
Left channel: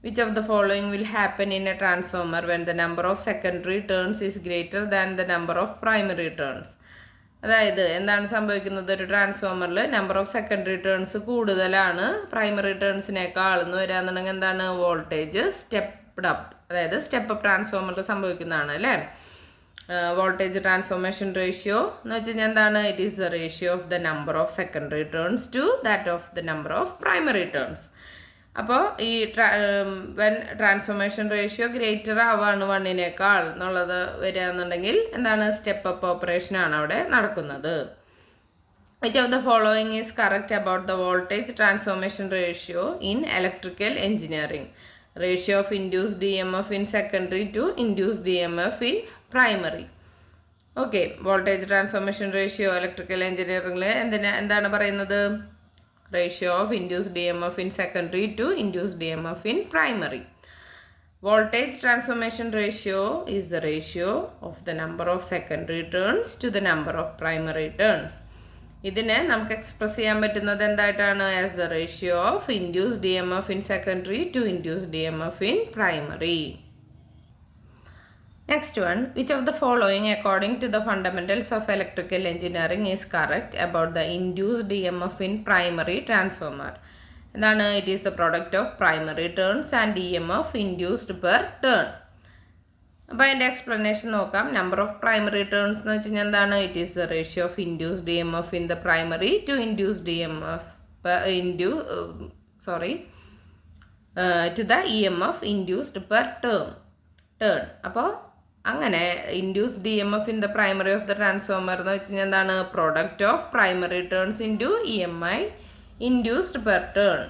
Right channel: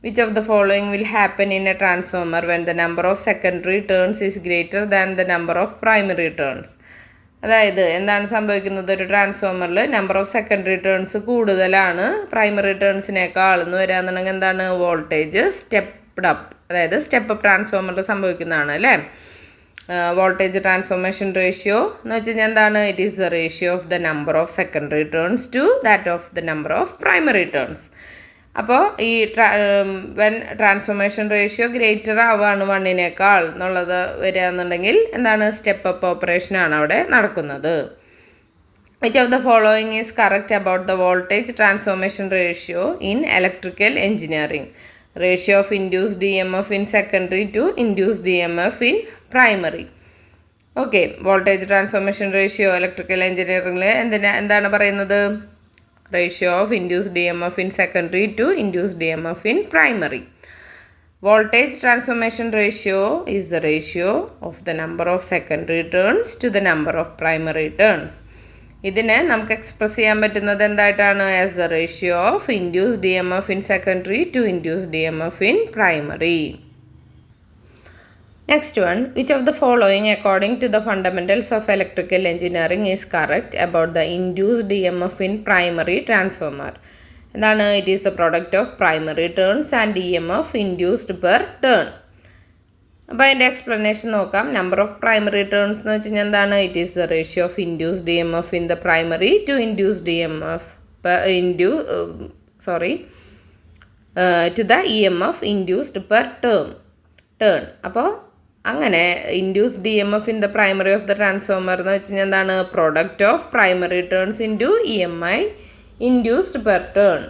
Which of the following will happen in a transformer when the number of secondary turns is greater than the number of primary turns? അതായത് എന്താണ് സംഭവിക്കുന്നത്? ഒരു ട്രാൻസ്ഫോമറിൽ നമ്പർ ഓഫ് സെക്കൻഡറി ടേൺസ് കൂടുതലാണ് പ്രൈമറി ടേൺസിനേക്കാൾ എന്ന് വരാന്നുണ്ടെങ്കിൽ എന്താണ്? Voltage stepped up. അതായത് സ്റ്റെപ്പ് അപ്പ് ട്രാൻസ്ഫോമറിൽ സംഭവിക്കുന്നതാണ് അല്ലേ? വോൾട്ടേജ് ട്രാൻസ്ഫോർമേഷൻ റേഷ്യോ എന്ന് വെച്ച് കഴിഞ്ഞാൽ എന്താണ്? It is the ratio of the number of secondary turns to that of the number of primary turns. അപ്പോൾ ഈ വെൻ ട്രാൻസ്ഫോർമേഷൻ റേഷ്യോ ഗ്രേറ്റർ ആവുകയാണ് 1നേക്കാൾ എന്നുള്ളത് വരികയെന്നുണ്ടെങ്കിൽ എന്താണ്? സ്റ്റെപ്പ് അപ്പ് ഓപ്പറേഷനാണ് അവിടെ നടക്കുന്നത്. Which of the following is correct about the voltage transformation ratio in electrical engineering? Ratio of induced EMF in secondary to induced EMF in primary. Okay, voltage transformation ratio electrical എഞ്ചിനീയറിംഗിൽ എന്താണ് പറയുന്നത്? Ratio of induced EMF in secondary to induced EMF in primary. Voltage transformation ratio is the ratio of the number of secondary turns to the number of primary turns. ഇതിനെ നമുക്ക് express ചെയ്യാൻ പറ്റുന്നത് എന്തായിട്ടാണ്? As the ratio of induced EMF in secondary to induced EMF in primary. Next one, which of the following according to the fundamentals of electrical engineering is correct about the induced EMF in primary transformer? എന്താണ്? It is the product of primary turns and EMF induced per turn. അപ്പോൾ അതിൻ്റെ explanation നോക്കാം. Number of primary turns എന്ന് വെച്ച് കഴിഞ്ഞാൽ എന്താണ്? It is the ratio of induced EMF in the primary to induced EMF to the EMF induced per turn. അപ്പോൾ അങ്ങനെ induced EMF in the primary of the transformer എന്ന് വെച്ച് കഴിഞ്ഞാൽ എന്താണ്? Product of primary turns into EMI induced per turn.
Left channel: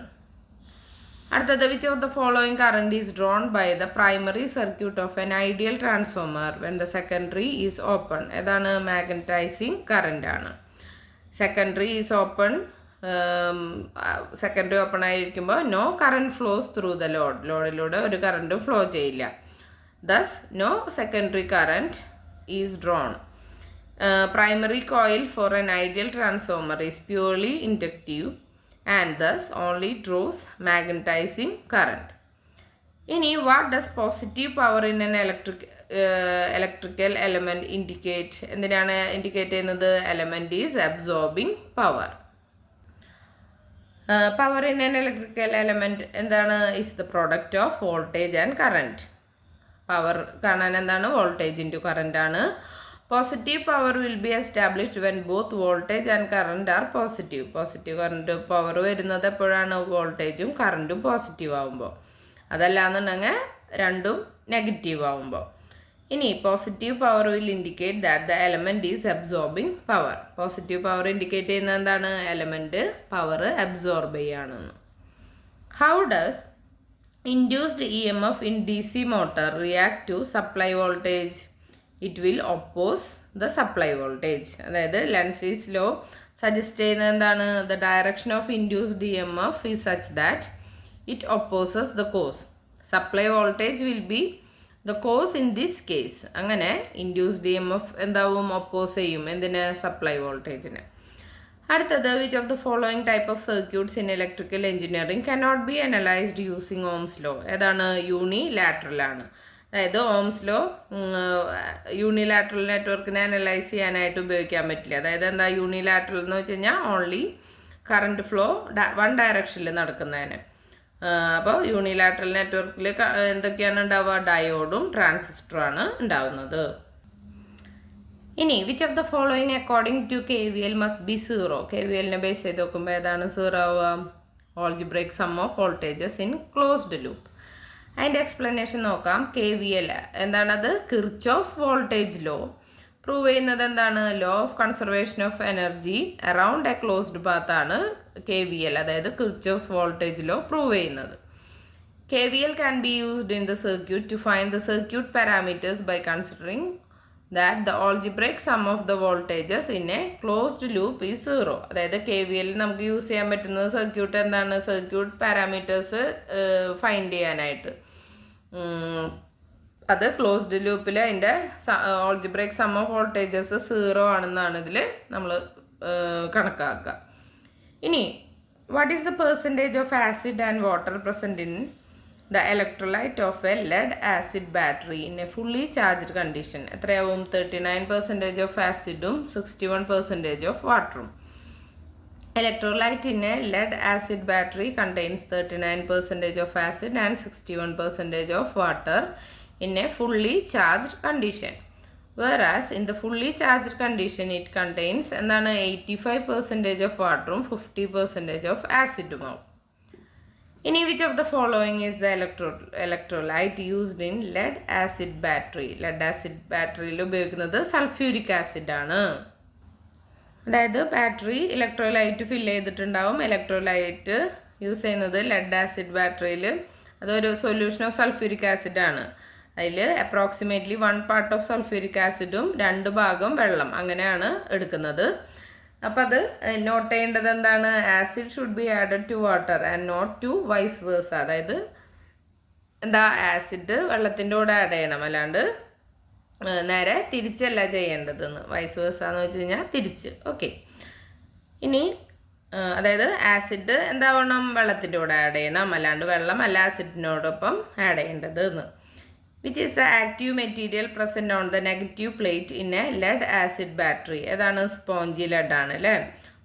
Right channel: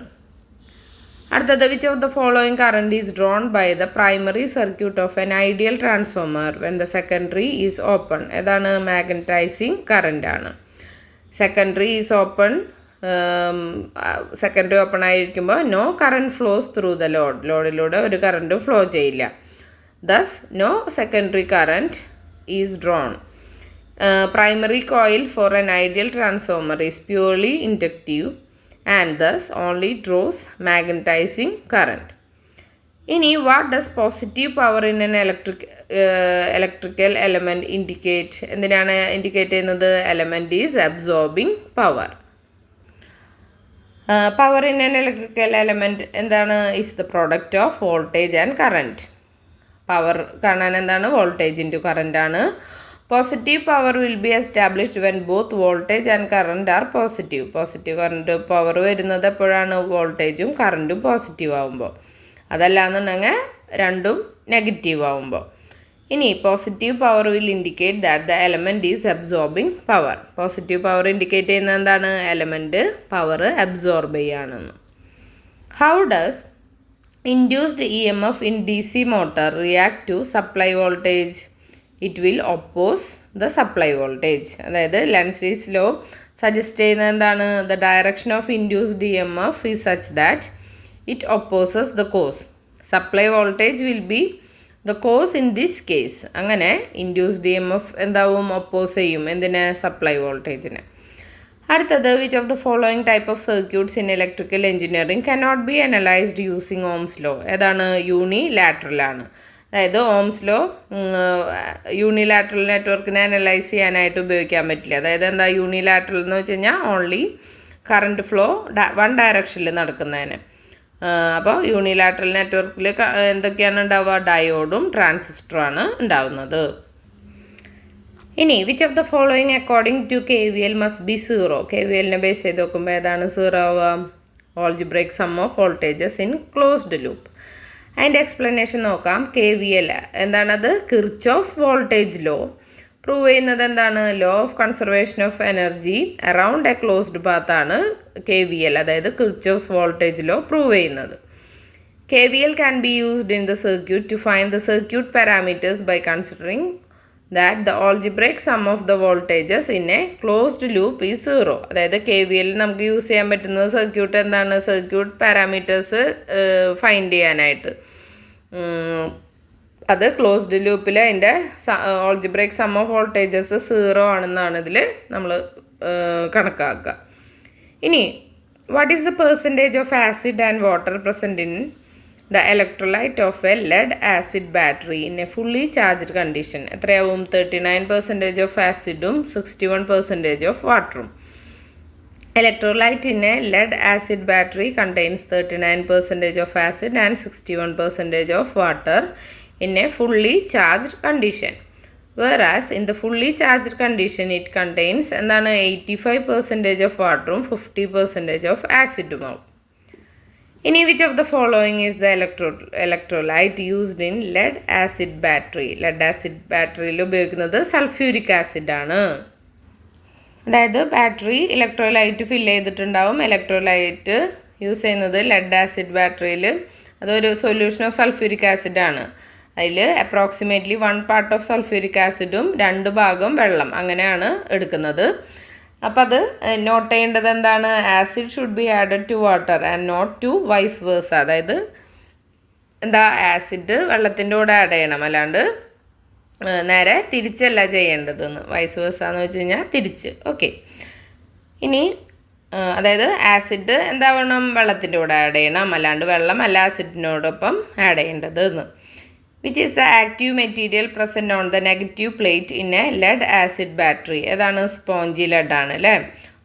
അടുത്തത് which of the following current is drawn by the primary circuit of an ideal transformer when the secondary is open. ഏതാണ്? Magnetising current ആണ്. Secondary is open, secondary open ആയിരിക്കുമ്പോൾ no current flows through the ലോഡിലൂടെ ഒരു current flow ചെയ്യില്ല. Thus no secondary current is drone. Primary coil for an ideal transformer is purely inductive and thus only draws magnetizing current. ഇനി what does positive power in an electrical element indicate? എന്തിനാണ് indicate ചെയ്യുന്നത്? Element is absorbing power. Power in an electrical element എന്താണ്? Is the product of voltage and current. Power കാണാൻ എന്താണ്? Voltage into current ആണ്. Positive power will be established when both voltage and current are positive. Positive current power വരുന്നത് എപ്പോഴാണ്? വോൾട്ടേജും കറണ്ടും positive ആകുമ്പോൾ. അതല്ലാന്നുണ്ടെങ്കിൽ രണ്ടും നെഗറ്റീവ് ആകുമ്പോൾ. ഇനി positive power will indicate that the element is absorbing power. Positive power indicate ചെയ്യുന്നത് എന്താണ്? എലമെൻറ്റ് പവർ അബ്സോർബ് ചെയ്യുകയാണെന്ന്. How does induced EMF in DC motor react to supply voltage? It will oppose the supply voltage. അതായത് ലെൻസിസ് law suggest ചെയ്യുന്നത് എന്താണ്? The direction of induced EMF is such that it opposes the cause. Supply voltage will be the cause in this case. അങ്ങനെ induced EMF എന്താവും? Oppose ചെയ്യും. എന്തിനെ? Supply വോൾട്ടേജിന്. അടുത്തത് which of the following type of circuits in electrical engineering cannot be analysed using Ohm's law? ഏതാണ്? യൂണിലാറ്ററലാണ്. അതായത് Ohm's law യൂണിലാറ്ററൽ നെറ്റ്വർക്കിനെ അനലൈസ് ചെയ്യാനായിട്ട് ഉപയോഗിക്കാൻ പറ്റില്ല. അതായത് എന്താ യൂണിലാറ്ററൽ എന്ന് വെച്ച് കഴിഞ്ഞാൽ ഓൺലി കറണ്ട് ഫ്ലോ വൺ ഡയറക്ഷനിൽ നടക്കുന്നതിന്. അപ്പോൾ യൂണിലാറ്ററൽ നെറ്റ്വർക്കിൽ എന്തൊക്കെയാണ് ഉണ്ടാവുക? ഡയോഡും ട്രാൻസിസ്റ്ററുമാണ് ഉണ്ടാവുന്നത്. ഇനി which of the following according to KVL must be zero? KVLനെ ബേസ് ചെയ്ത് നോക്കുമ്പോൾ ഏതാണ് സീറോ ആവുക? Algebraic sum of voltages in closed loop. അതിൻ്റെ എക്സ്പ്ലനേഷൻ നോക്കാം. KVL എന്താണത്? Kirchhoff's voltage law. പ്രൂവ് ചെയ്യുന്നത് എന്താണ്? Law of conservation of energy around a closed പാത്താണ് KVL, അതായത് കിർച്ചോഫ്സ് വോൾട്ടേജ് ലോ പ്രൂവ് ചെയ്യുന്നത്. KVL can be used in the circuit to find the circuit parameters by considering that the algebraic sum of the voltages in a closed loop is zero. അതായത് KVL നമുക്ക് use ചെയ്യാൻ പറ്റുന്നത് circuit എന്താണ്? Circuit parameters find ചെയ്യാനായിട്ട്. അത് closed ലൂപ്പിൽ അതിൻ്റെ algebraic sum of voltages zero ആണെന്നാണ് ഇതിൽ നമ്മൾ കണക്കാക്കുക. ഇനി what is the percentage of acid and water present in the electrolyte of a lead acid battery in a fully charged condition? എത്രയാവും? 39% of acidum 61% of waterum. Electrolyte in a lead acid battery contains 39% of acid and 61% of water in a fully charged condition. Whereas in the fully charged condition it contains എന്താണ്? 85% of waterum 50% of acidum. ഇനി which of the following is the electrolyte used in lead acid battery? Lead acid ബാറ്ററിയിൽ ഉപയോഗിക്കുന്നത് sulphuric ആസിഡാണ്. അതായത് battery electrolyte fill ചെയ്തിട്ടുണ്ടാവും. Electrolyte use ചെയ്യുന്നത് lead acid ബാറ്ററിയിൽ അതൊരു സൊല്യൂഷൻ ഓഫ് സൾഫ്യൂരിക് ആസിഡാണ്. അതിൽ അപ്രോക്സിമേറ്റ്ലി 1 part ഓഫ് സൾഫ്യൂരിക് ആസിഡും 2 ഭാഗം വെള്ളം അങ്ങനെയാണ് എടുക്കുന്നത്. അപ്പം അത് നോട്ട് ചെയ്യേണ്ടത് എന്താണ്? Acid should be added to water and not to vice versa. അതായത് എന്താ? ആസിഡ് വെള്ളത്തിൻ്റെ കൂടെ ആഡ് ചെയ്യണം, അല്ലാണ്ട് നേരെ തിരിച്ചല്ല ചെയ്യേണ്ടതെന്ന്. വൈസ് വേഴ്സ എന്ന് വെച്ച് കഴിഞ്ഞാൽ തിരിച്ച്. ഓക്കെ. ഇനി അതായത് ആസിഡ് എന്താവണം? വെള്ളത്തിൻ്റെ കൂടെ ആഡ് ചെയ്യണം, അല്ലാണ്ട് വെള്ളം അല്ല ആസിഡിനോടൊപ്പം ആഡ് ചെയ്യേണ്ടത് എന്ന്. which is the active material present on the negative plate in a lead acid battery? ഏതാണ്? സ്പോഞ്ചി ലെഡ് ആണ് അല്ലേ?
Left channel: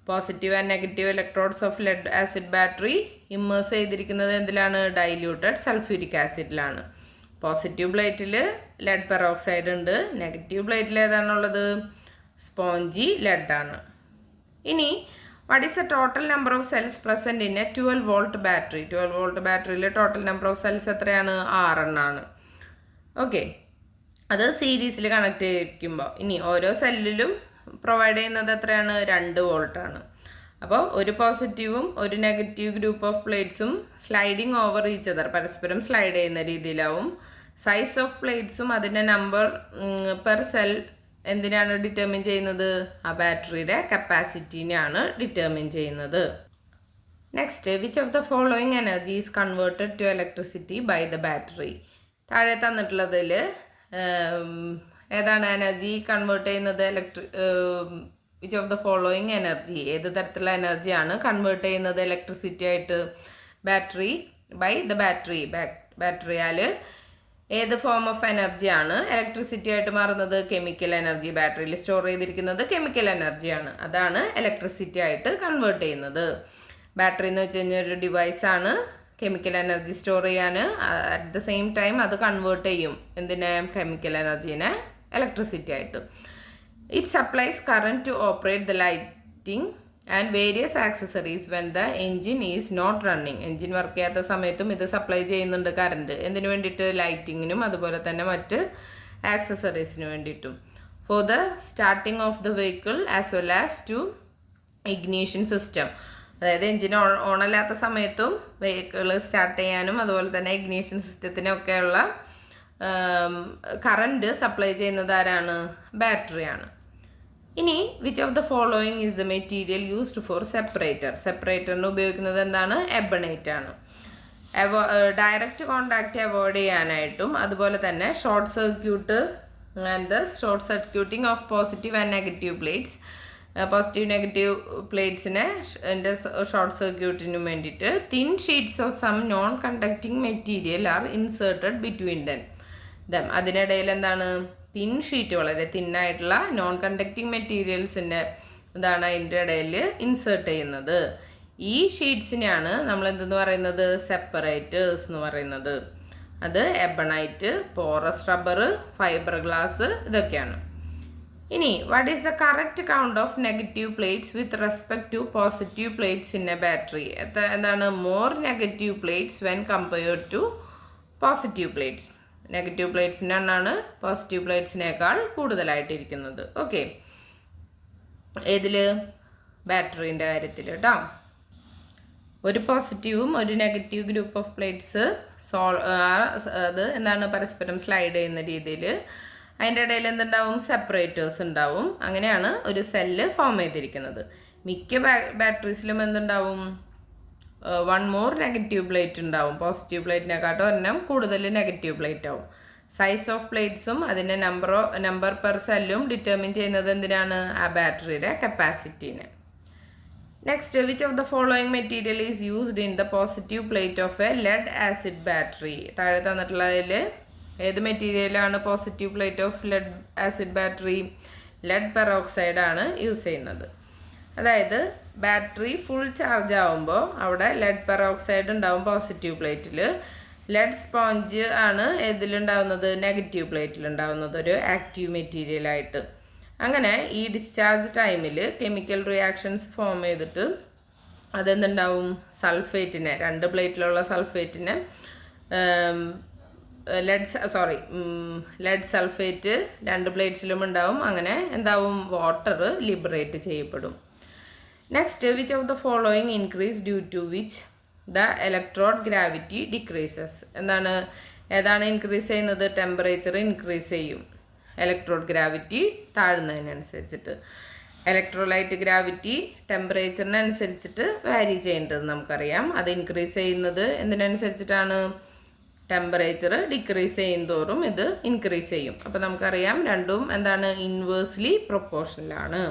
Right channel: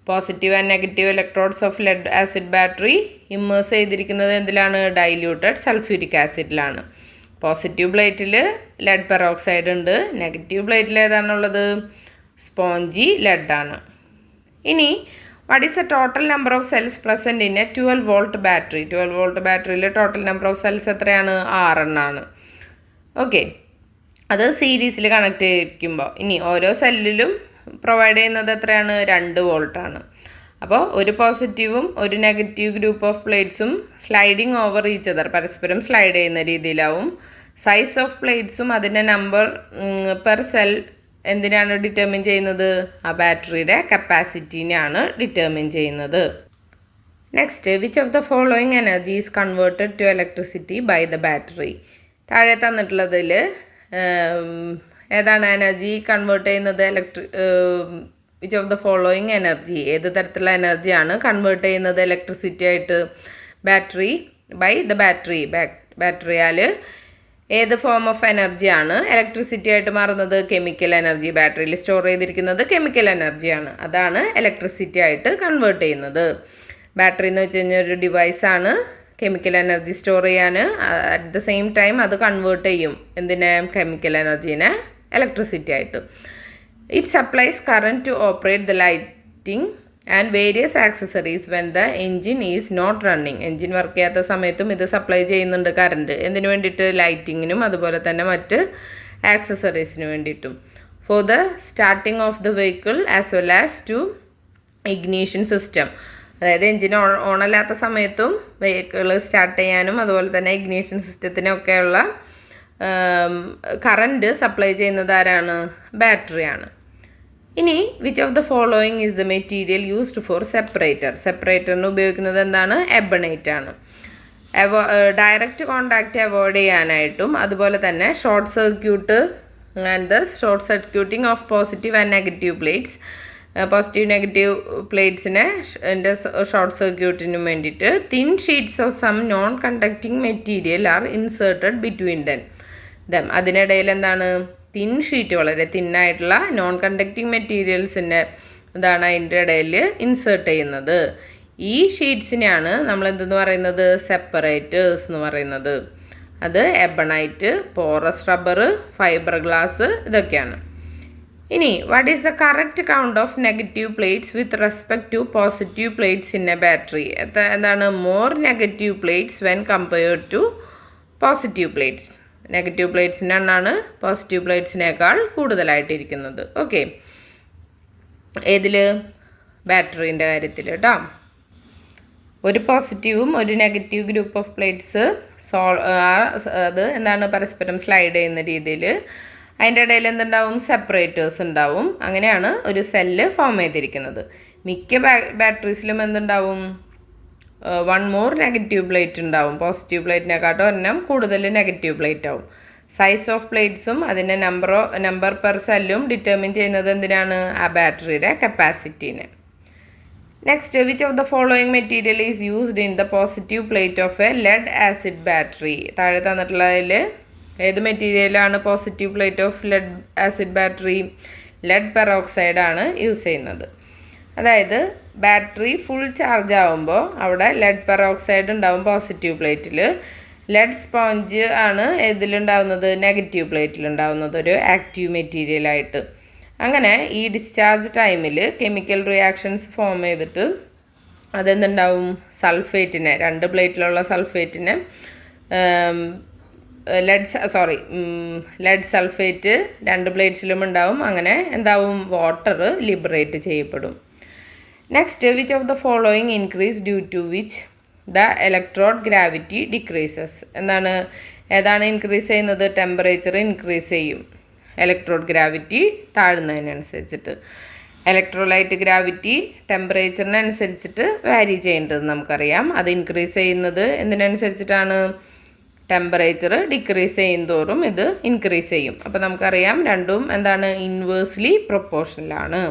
Positive and negative electrodes of lead acid battery immerse ചെയ്തിരിക്കുന്നത് എന്തിലാണ്? ഡൈല്യൂട്ടഡ് സൾഫ്യൂരിക് ആസിഡിലാണ്. പോസിറ്റീവ് പ്ലേറ്റിൽ ലെഡ് പെറോക്സൈഡ് ഉണ്ട്, negative പ്ലേറ്റിൽ ഏതാണുള്ളത്? സ്പോഞ്ചി ലെഡാണ്. ഇനി what is the total number of cells present in a 12 volt battery? 12 volt ബാറ്ററിയിൽ ടോട്ടൽ നമ്പർ ഓഫ് സെൽസ് എത്രയാണ്? 6 എണ്ണമാണ്. ഓക്കെ. അത് സീരീസിൽ കണക്ട് ചെയ്തിരിക്കുമ്പോൾ ഇനി ഓരോ സെല്ലിലും പ്രൊവൈഡ് ചെയ്യുന്നത് എത്രയാണ്? 2 volt ആണ്. അപ്പോൾ ഒരു പോസിറ്റീവും ഒരു നെഗറ്റീവ് ഗ്രൂപ്പ് ഓഫ് പ്ലേറ്റ്സും സ്ലൈഡിങ് ഓവർ ഈച്ച് അതർ, പരസ്പരം സ്ലൈഡ് ചെയ്യുന്ന രീതിയിലാവും. സൈസ് ഓഫ് പ്ലേറ്റ്സും അതിൻ്റെ നമ്പർ പെർ സെൽ എന്തിനാണ് ഡിറ്റർമിൻ ചെയ്യുന്നത്? ആ ബാറ്ററിയുടെ കപ്പാസിറ്റീനെയാണ് ഡിറ്റർമിൻ ചെയ്യുന്നത്. Next, which of the following energy is converted to electricity by the battery? താഴെ തന്നിട്ടുള്ളതിൽ ഏതാണ് എനർജി കൺവേർട്ട് ചെയ്യുന്നത്? വിച്ച് ഓഫ് ദ ഫോളോയിങ് എനർജി, ഏത് തരത്തിലുള്ള എനർജിയാണ് കൺവേർട്ട് ചെയ്യുന്നത് ഇലക്ട്രിസിറ്റി ആയിട്ട്? Battery by the battery. ബാറ്ററിയാൽ ഏത് ഫോം ഓഫ് എനർജിയാണ് ഇലക്ട്രിസിറ്റി ആയിട്ട് മാറുന്നത്? Chemical energy. ബാറ്ററിയിൽ സ്റ്റോർ ചെയ്തിരിക്കുന്നത് കെമിക്കൽ എനർജിയാണ്, അതാണ് ഇലക്ട്രിസിറ്റി ആയിട്ട് കൺവേർട്ട് ചെയ്യുന്നത്. ബാറ്ററി എന്ന് വെച്ച് കഴിഞ്ഞാൽ ഒരു ഡിവൈസാണ്, കെമിക്കൽ എനർജി സ്റ്റോർ ചെയ്യാൻ. അറ്റ് ദ സെയിം ടൈം അത് കൺവേർട്ട് ചെയ്യും എന്തിനെ? കെമിക്കൽ എനർജീനെ ഇലക്ട്രിസിറ്റി ആയിട്ട്. It supplies current to operate the lighting and various accessories when the engine is not running. Engine work ചെയ്യാത്ത സമയത്തും ഇത് സപ്ലൈ ചെയ്യുന്നുണ്ട് കറണ്ട്. എന്തിനു വേണ്ടിയിട്ട്? ലൈറ്റിങ്ങിനും അതുപോലെ തന്നെ മറ്റ് ആക്സസറീസിന് വേണ്ടിയിട്ടും. For the starting of the vehicle as well as to ignition system. അതായത് എൻജിൻ ഓണല്ലാത്ത സമയത്തും വെഹിക്കിൾ സ്റ്റാർട്ട് ചെയ്യാനും അതുപോലെ തന്നെ ഇഗ്നീഷൻ സിസ്റ്റത്തിനൊക്കെയുള്ള കറണ്ട് സപ്ലൈ ചെയ്യുന്നത് ആരാണ്? ബാറ്ററിയാണ്. ഇനി which of the following is the material used for separator? സെപ്പറേറ്ററിന് ഉപയോഗിക്കുന്നത് എന്താണ്? എബണൈറ്റ് ആണ്. ഡയറക്റ്റ് കോണ്ടാക്റ്റ് അവോയ്ഡ് ചെയ്യാനായിട്ടും അതുപോലെ തന്നെ short circuit and the short circuiting of positive and negative plates. Positive negative പ്ലേറ്റ്സിനെ ഷോർട്ട് സർക്യൂട്ടിനും വേണ്ടിയിട്ട് thin sheets of some non conducting material are inserted between them. അതിനിടയിൽ എന്താണ്? തിൻ ഷീറ്റ്, വളരെ തിന്നായിട്ടുള്ള നോൺ കണ്ടക്റ്റിംഗ് മെറ്റീരിയൽസിൻ്റെ എന്താണ് അതിൻ്റെ ഇടയിൽ ഇൻസേർട്ട് ചെയ്യുന്നത്. ഈ ഷീറ്റ്സിനെയാണ് നമ്മൾ എന്തെന്ന് പറയുന്നത്? സെപ്പറേറ്റേഴ്സ് എന്ന് പറയുന്നത്. അത് ebonite, porous rubber, fibre glass, ഇതൊക്കെയാണ്. ഇനി what is the correct count of negative plates with respect to positive plates in a battery? എന്താണ്? More negative plates when compared to positive plates. Negative പ്ലേറ്റ്സിനാണ് positive പ്ലേറ്റ്സിനേക്കാൾ കൂടുതലായിട്ടിരിക്കുന്നത്. Okay, ഏതിൽ? ബാറ്ററീൻ്റെ കാര്യത്തിൽ കേട്ടോ. ഒരു പോസിറ്റീവും ഒരു നെഗറ്റീവ് ഗ്രൂപ്പ് ഓഫ് പ്ലേറ്റ്സ് അത് എന്താണ്? പരസ്പരം സ്ലൈഡ് ചെയ്യുന്ന രീതിയിൽ അതിൻ്റെ ഇടയിൽ എന്തുണ്ടാവും? സെപ്പറേറ്റേഴ്സ് ഉണ്ടാവും. അങ്ങനെയാണ് ഒരു സെല്ല് ഫോം ചെയ്തിരിക്കുന്നത്. മിക്ക ബാറ്ററീസിലും എന്തുണ്ടാവും? വൺ മോർ നെഗറ്റീവ് പ്ലേറ്റ് ഉണ്ടാവും. പോസിറ്റീവ് പ്ലേറ്റിനെക്കാട്ടും ഒരെണ്ണം കൂടുതൽ നെഗറ്റീവ് പ്ലേറ്റ് ആവും. സൈസ് ഓഫ് പ്ലേറ്റ്സും അതിൻ്റെ നമ്പർ പെർ സെല്ലും ഡിറ്റർമിൻ ചെയ്യുന്നത് എന്തിനാണ്? ആ ബാറ്ററിയുടെ കപ്പാസിറ്റീനെ. Next, which of the following material is used in the positive plate of a lead acid battery? താഴെ തന്നിട്ടുള്ളതിൽ ഏത് മെറ്റീരിയലാണ് positive plate of lead acid battery? Lead peroxide ആണ് യൂസ് ചെയ്യുന്നത്. അതായത് ബാറ്ററി ഫുൾ ചാർജ് ആകുമ്പോൾ അവിടെ ലെഡ് പെറോക്സൈഡ് ഉണ്ടാവും പോസിറ്റീവ് പ്ലേറ്റിൽ. ലെഡ് സ്പോഞ്ച് ആണ് ഇതിലുണ്ടാവുന്നത്? നെഗറ്റീവ് പ്ലേറ്റിലുണ്ടാവുന്നത്, ഒരു ആക്റ്റീവ് മെറ്റീരിയലായിട്ട്. അങ്ങനെ ഈ ഡിസ്ചാർജ് ടൈമിൽ കെമിക്കൽ റിയാക്ഷൻസ് ഫോം ചെയ്തിട്ട് അതെന്തുണ്ടാവും? സൾഫേറ്റിനെ, രണ്ട് പ്ലേറ്റിലുള്ള സൾഫേറ്റിനെ ലെഡ് സൾഫേറ്റ് രണ്ട് പ്ലേറ്റ്സിലും ഉണ്ടാവും. അങ്ങനെ എന്താവും? വാട്ടർ ലിബറേറ്റ് ചെയ്യപ്പെടും. Next, which of the following increase due to which the electrode gravity decreases? ഏതാണ് ഇൻക്രീസ് ചെയ്യുന്നത്? ടെമ്പറേച്ചർ ഇൻക്രീസ് ചെയ്യും ഇലക്ട്രോഡ് ഗ്രാവിറ്റി താഴുന്നതിനനുസരിച്ചിട്ട്. ഇലക്ട്രോലൈറ്റ് ഗ്രാവിറ്റി ടെമ്പറേച്ചറിനനുസരിച്ചിട്ട് വാരി ചെയ്യേണ്ടത് നമുക്കറിയാം. അത് ഇൻക്രീസ് ചെയ്യുന്നത് എന്തിനനുസരിച്ചിട്ടാണ്? ടെമ്പറേച്ചർ ഡിക്രീസ് ചെയ്യും തോറും ഇത് ഇൻക്രീസ് ചെയ്യും. അപ്പോൾ നമുക്കറിയാം രണ്ടും എന്താണ്? ഇൻവേഴ്സ്ലി പ്രൊപ്പോർഷണലാണ്.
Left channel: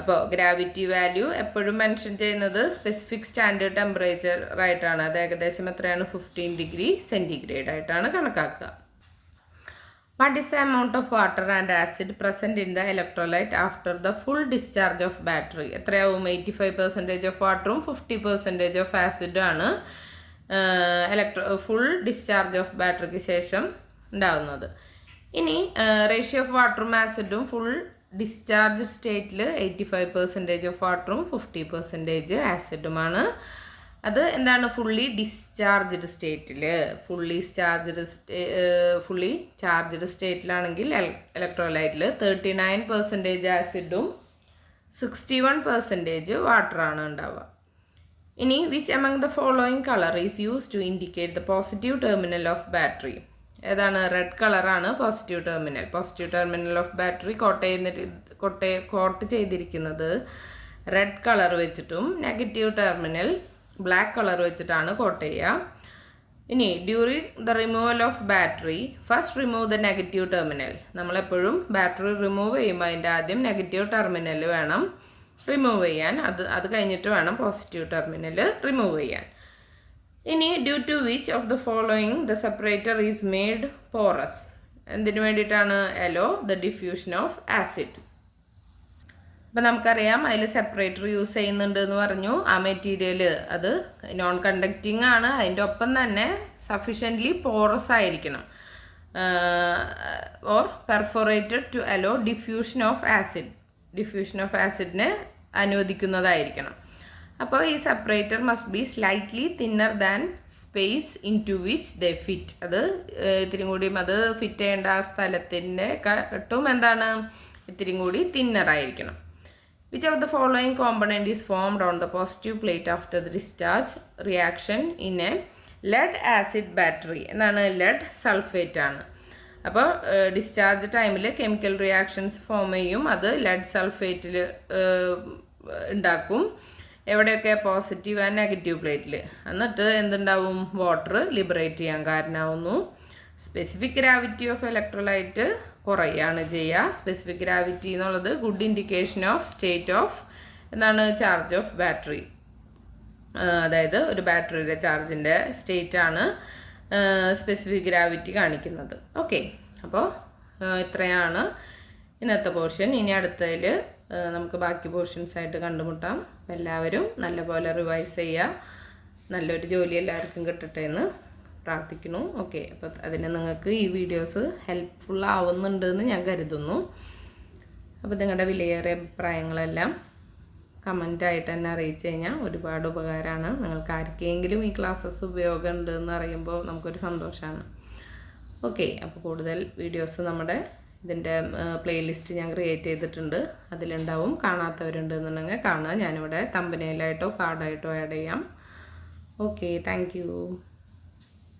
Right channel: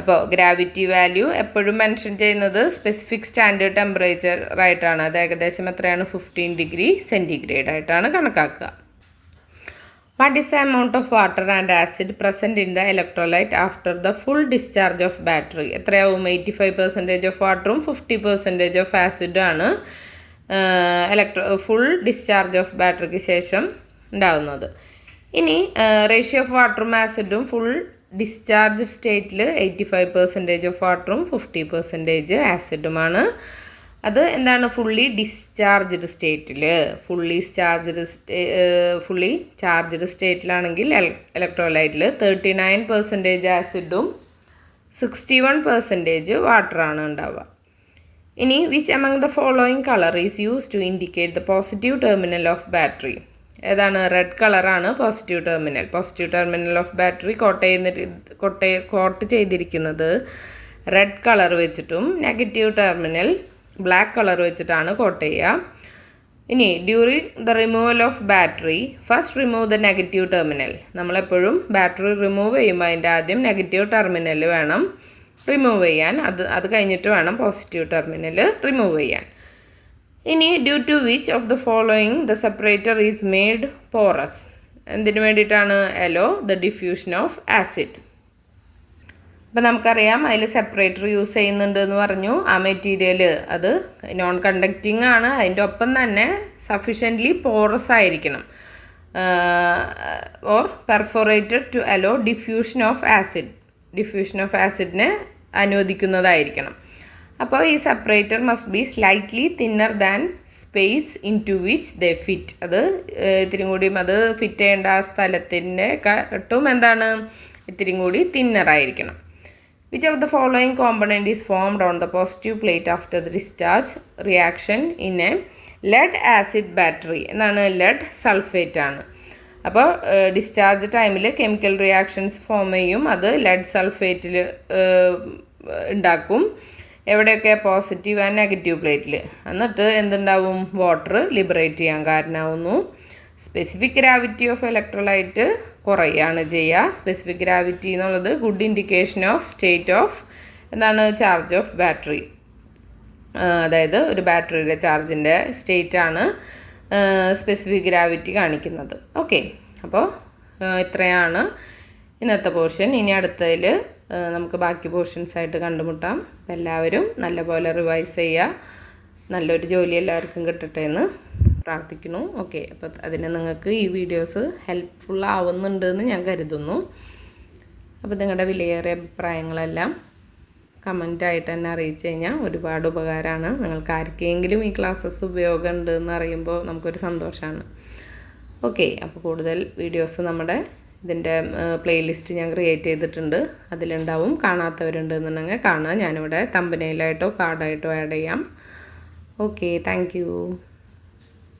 അപ്പോൾ ഗ്രാവിറ്റി വാല്യൂ എപ്പോഴും മെൻഷൻ ചെയ്യുന്നത് സ്പെസിഫിക് സ്റ്റാൻഡേർഡ് ടെമ്പറേച്ചർ ആയിട്ടാണ്. അത് ഏകദേശം എത്രയാണ്? 15 ഡിഗ്രി സെൻറ്റിഗ്രേഡ് ആയിട്ടാണ് കണക്കാക്കുക. What is the amount of water and acid present in the electrolyte after the full discharge of battery? എത്രയാവും? 85% ഓഫ് വാട്ടറും 50% ഓഫ് ആസിഡും ആണ് ഫുൾ ഡിസ്ചാർജ് ഓഫ് ബാറ്ററിക്ക് ശേഷം ഉണ്ടാവുന്നത്. ഇനി റേഷ്യോ ഓഫ് വാട്ടറും ആസിഡും ഫുൾ ഡിസ്ചാർജ് സ്റ്റേറ്റിൽ 85% ഓഫ് വാട്ടറും 50% ആസിഡുമാണ്. അത് എന്താണ്? ഫുള്ളി ഡിസ്ചാർജ്ഡ് സ്റ്റേറ്റിൽ. ഫുള്ളി ചാർജ്ഡ് സ്റ്റേറ്റിലാണെങ്കിൽ ഇലക്ട്രോലൈറ്റിൽ 39% ആസിഡും 61% വാട്ടറാണ് ഉണ്ടാവുക. ഇനി which among the following colour is use to indicate the positive terminal of battery? ഏതാണ്? റെഡ് കളറാണ് positive terminal of battery coat ചെയ്തിരിക്കുന്നത് റെഡ് കളർ വെച്ചിട്ടും നെഗറ്റീവ് ടെർമിനൽ ബ്ലാക്ക് കളർ വെച്ചിട്ടാണ് കോട്ട് ചെയ്യുക. ഇനി during the removal of battery first remove the negative terminal. നമ്മളെപ്പോഴും battery remove ചെയ്യുമ്പോൾ അതിൻ്റെ ആദ്യം നെഗറ്റീവ് ടെർമിനൽ വേണം റിമൂവ് ചെയ്യാൻ. അത് കഴിഞ്ഞിട്ട് വേണം പോസിറ്റീവ് ടെർമിനൽ റിമൂവ് ചെയ്യാൻ. ഇനി due to which of the following the separator is made porous? എന്തിനു വേണ്ടിയിട്ടാണ്? Allow the diffusion of acid. അപ്പം നമുക്കറിയാം അതിൽ സെപ്പറേറ്റർ യൂസ് ചെയ്യുന്നുണ്ട് എന്ന് പറഞ്ഞു. ആ മെറ്റീരിയൽ അത് നോൺ കണ്ടക്റ്റിംഗ് ആണ്, അതിൻ്റെ ഒപ്പം തന്നെ സഫിഷ്യൻ്റ്ലി പോറസ് ആയിരിക്കണം. Or perforated to allow diffusion of ആസിഡിനെ അനുവദിക്കുന്നതായിരിക്കണം. അപ്പോൾ ഈ separator must be slightly thinner than space into which they fit. അത് ഇത്തിരി കൂടിയും അത് ഫിറ്റ് ചെയ്യേണ്ട ആ സ്ഥലത്തിൻ്റെ കാട്ടും എന്താണ് ഇത്തിരി കൂടി തിന്നറായിരിക്കണം. Which of the following component is formed on the positive plate after the discharge reaction in a lead acid battery? എന്നാണ് ലെഡ് സൾഫേറ്റ് ആണ്. അപ്പോൾ ഡിസ്ചാർജ് ടൈമിൽ കെമിക്കൽ റിയാക്ഷൻസ് ഫോം ചെയ്യും, അത് ലെഡ് സൾഫേറ്റിൽ ഉണ്ടാക്കും. എവിടെയൊക്കെ? പോസിറ്റീവ് ആൻഡ് നെഗറ്റീവ് പ്ലേറ്റിൽ. എന്നിട്ട് എന്തുണ്ടാവും? വാട്ടർ ലിബറേറ്റ് ചെയ്യാൻ കാരണമാവുന്നു. സ്പെസിഫിക് ഗ്രാവിറ്റി ഓഫ് ഇലക്ട്രോലൈറ്റ് കുറയുകയാണ് ചെയ്യുക. സ്പെസിഫിക് ഗ്രാവിറ്റി എന്നുള്ളത് good indication of state of എന്താണ് ചാർജ് ഓഫ് ബാറ്ററി. അതായത് ഒരു ബാറ്ററിയുടെ ചാർജിൻ്റെ സ്റ്റേറ്റാണ് സ്പെസിഫിക് ഗ്രാവിറ്റി കാണിക്കുന്നത്. ഓക്കെ, അപ്പോൾ ഇത്രയാണ് ഇന്നത്തെ പോർഷൻ. ഇനി അടുത്തതിൽ നമുക്ക് ബാക്കി പോർഷൻസായിട്ട് കണ്ടുമുട്ടാം. അപ്പോൾ എല്ലാവരും നല്ലപോലെ റിവൈസ് ചെയ്യുക. നല്ലൊരു ജോലി എല്ലാവർക്കും കിട്ടട്ടെ എന്ന് പ്രാർത്ഥിക്കുന്നു. ഓക്കെ, അപ്പോൾ അതിന് നിങ്ങൾക്ക് ഈ വീഡിയോസ് ഹെൽപ്ഫുൾ ആവുന്നുണ്ടെന്ന് ഞാൻ കരുതുന്നു. അപ്പോൾ നിങ്ങളുടെ വിലയേറിയ അഭിപ്രായങ്ങളെല്ലാം കമൻറ്റായിട്ട് തന്നെ അറിയിച്ചു കഴിഞ്ഞാൽ ഒരുപാട് ഉപകാരമാണ്. നിങ്ങൾക്ക് ആർക്കെങ്കിലും ഈ ക്ലാസ്സസ് ഉപയോഗമുണ്ട് എന്ന് അറിയുമ്പോൾ നമുക്കൊരു സന്തോഷമാണ്. ഓക്കെ, അപ്പോൾ കൂടുതൽ വീഡിയോസ് നമ്മുടെ ഇതിൻ്റെ പ്ലേലിസ്റ്റ് ഞാൻ ക്രിയേറ്റ് ചെയ്തിട്ടുണ്ട്, അതിലുണ്ടാവും. കാണാത്തവരുണ്ടെന്നുണ്ടെങ്കിൽ കാണാം. ഞാനിവിടെ തമ്പനയിലായിട്ടോ കാർഡായിട്ടോ ആഡ് ചെയ്യാം. Okay, thank you.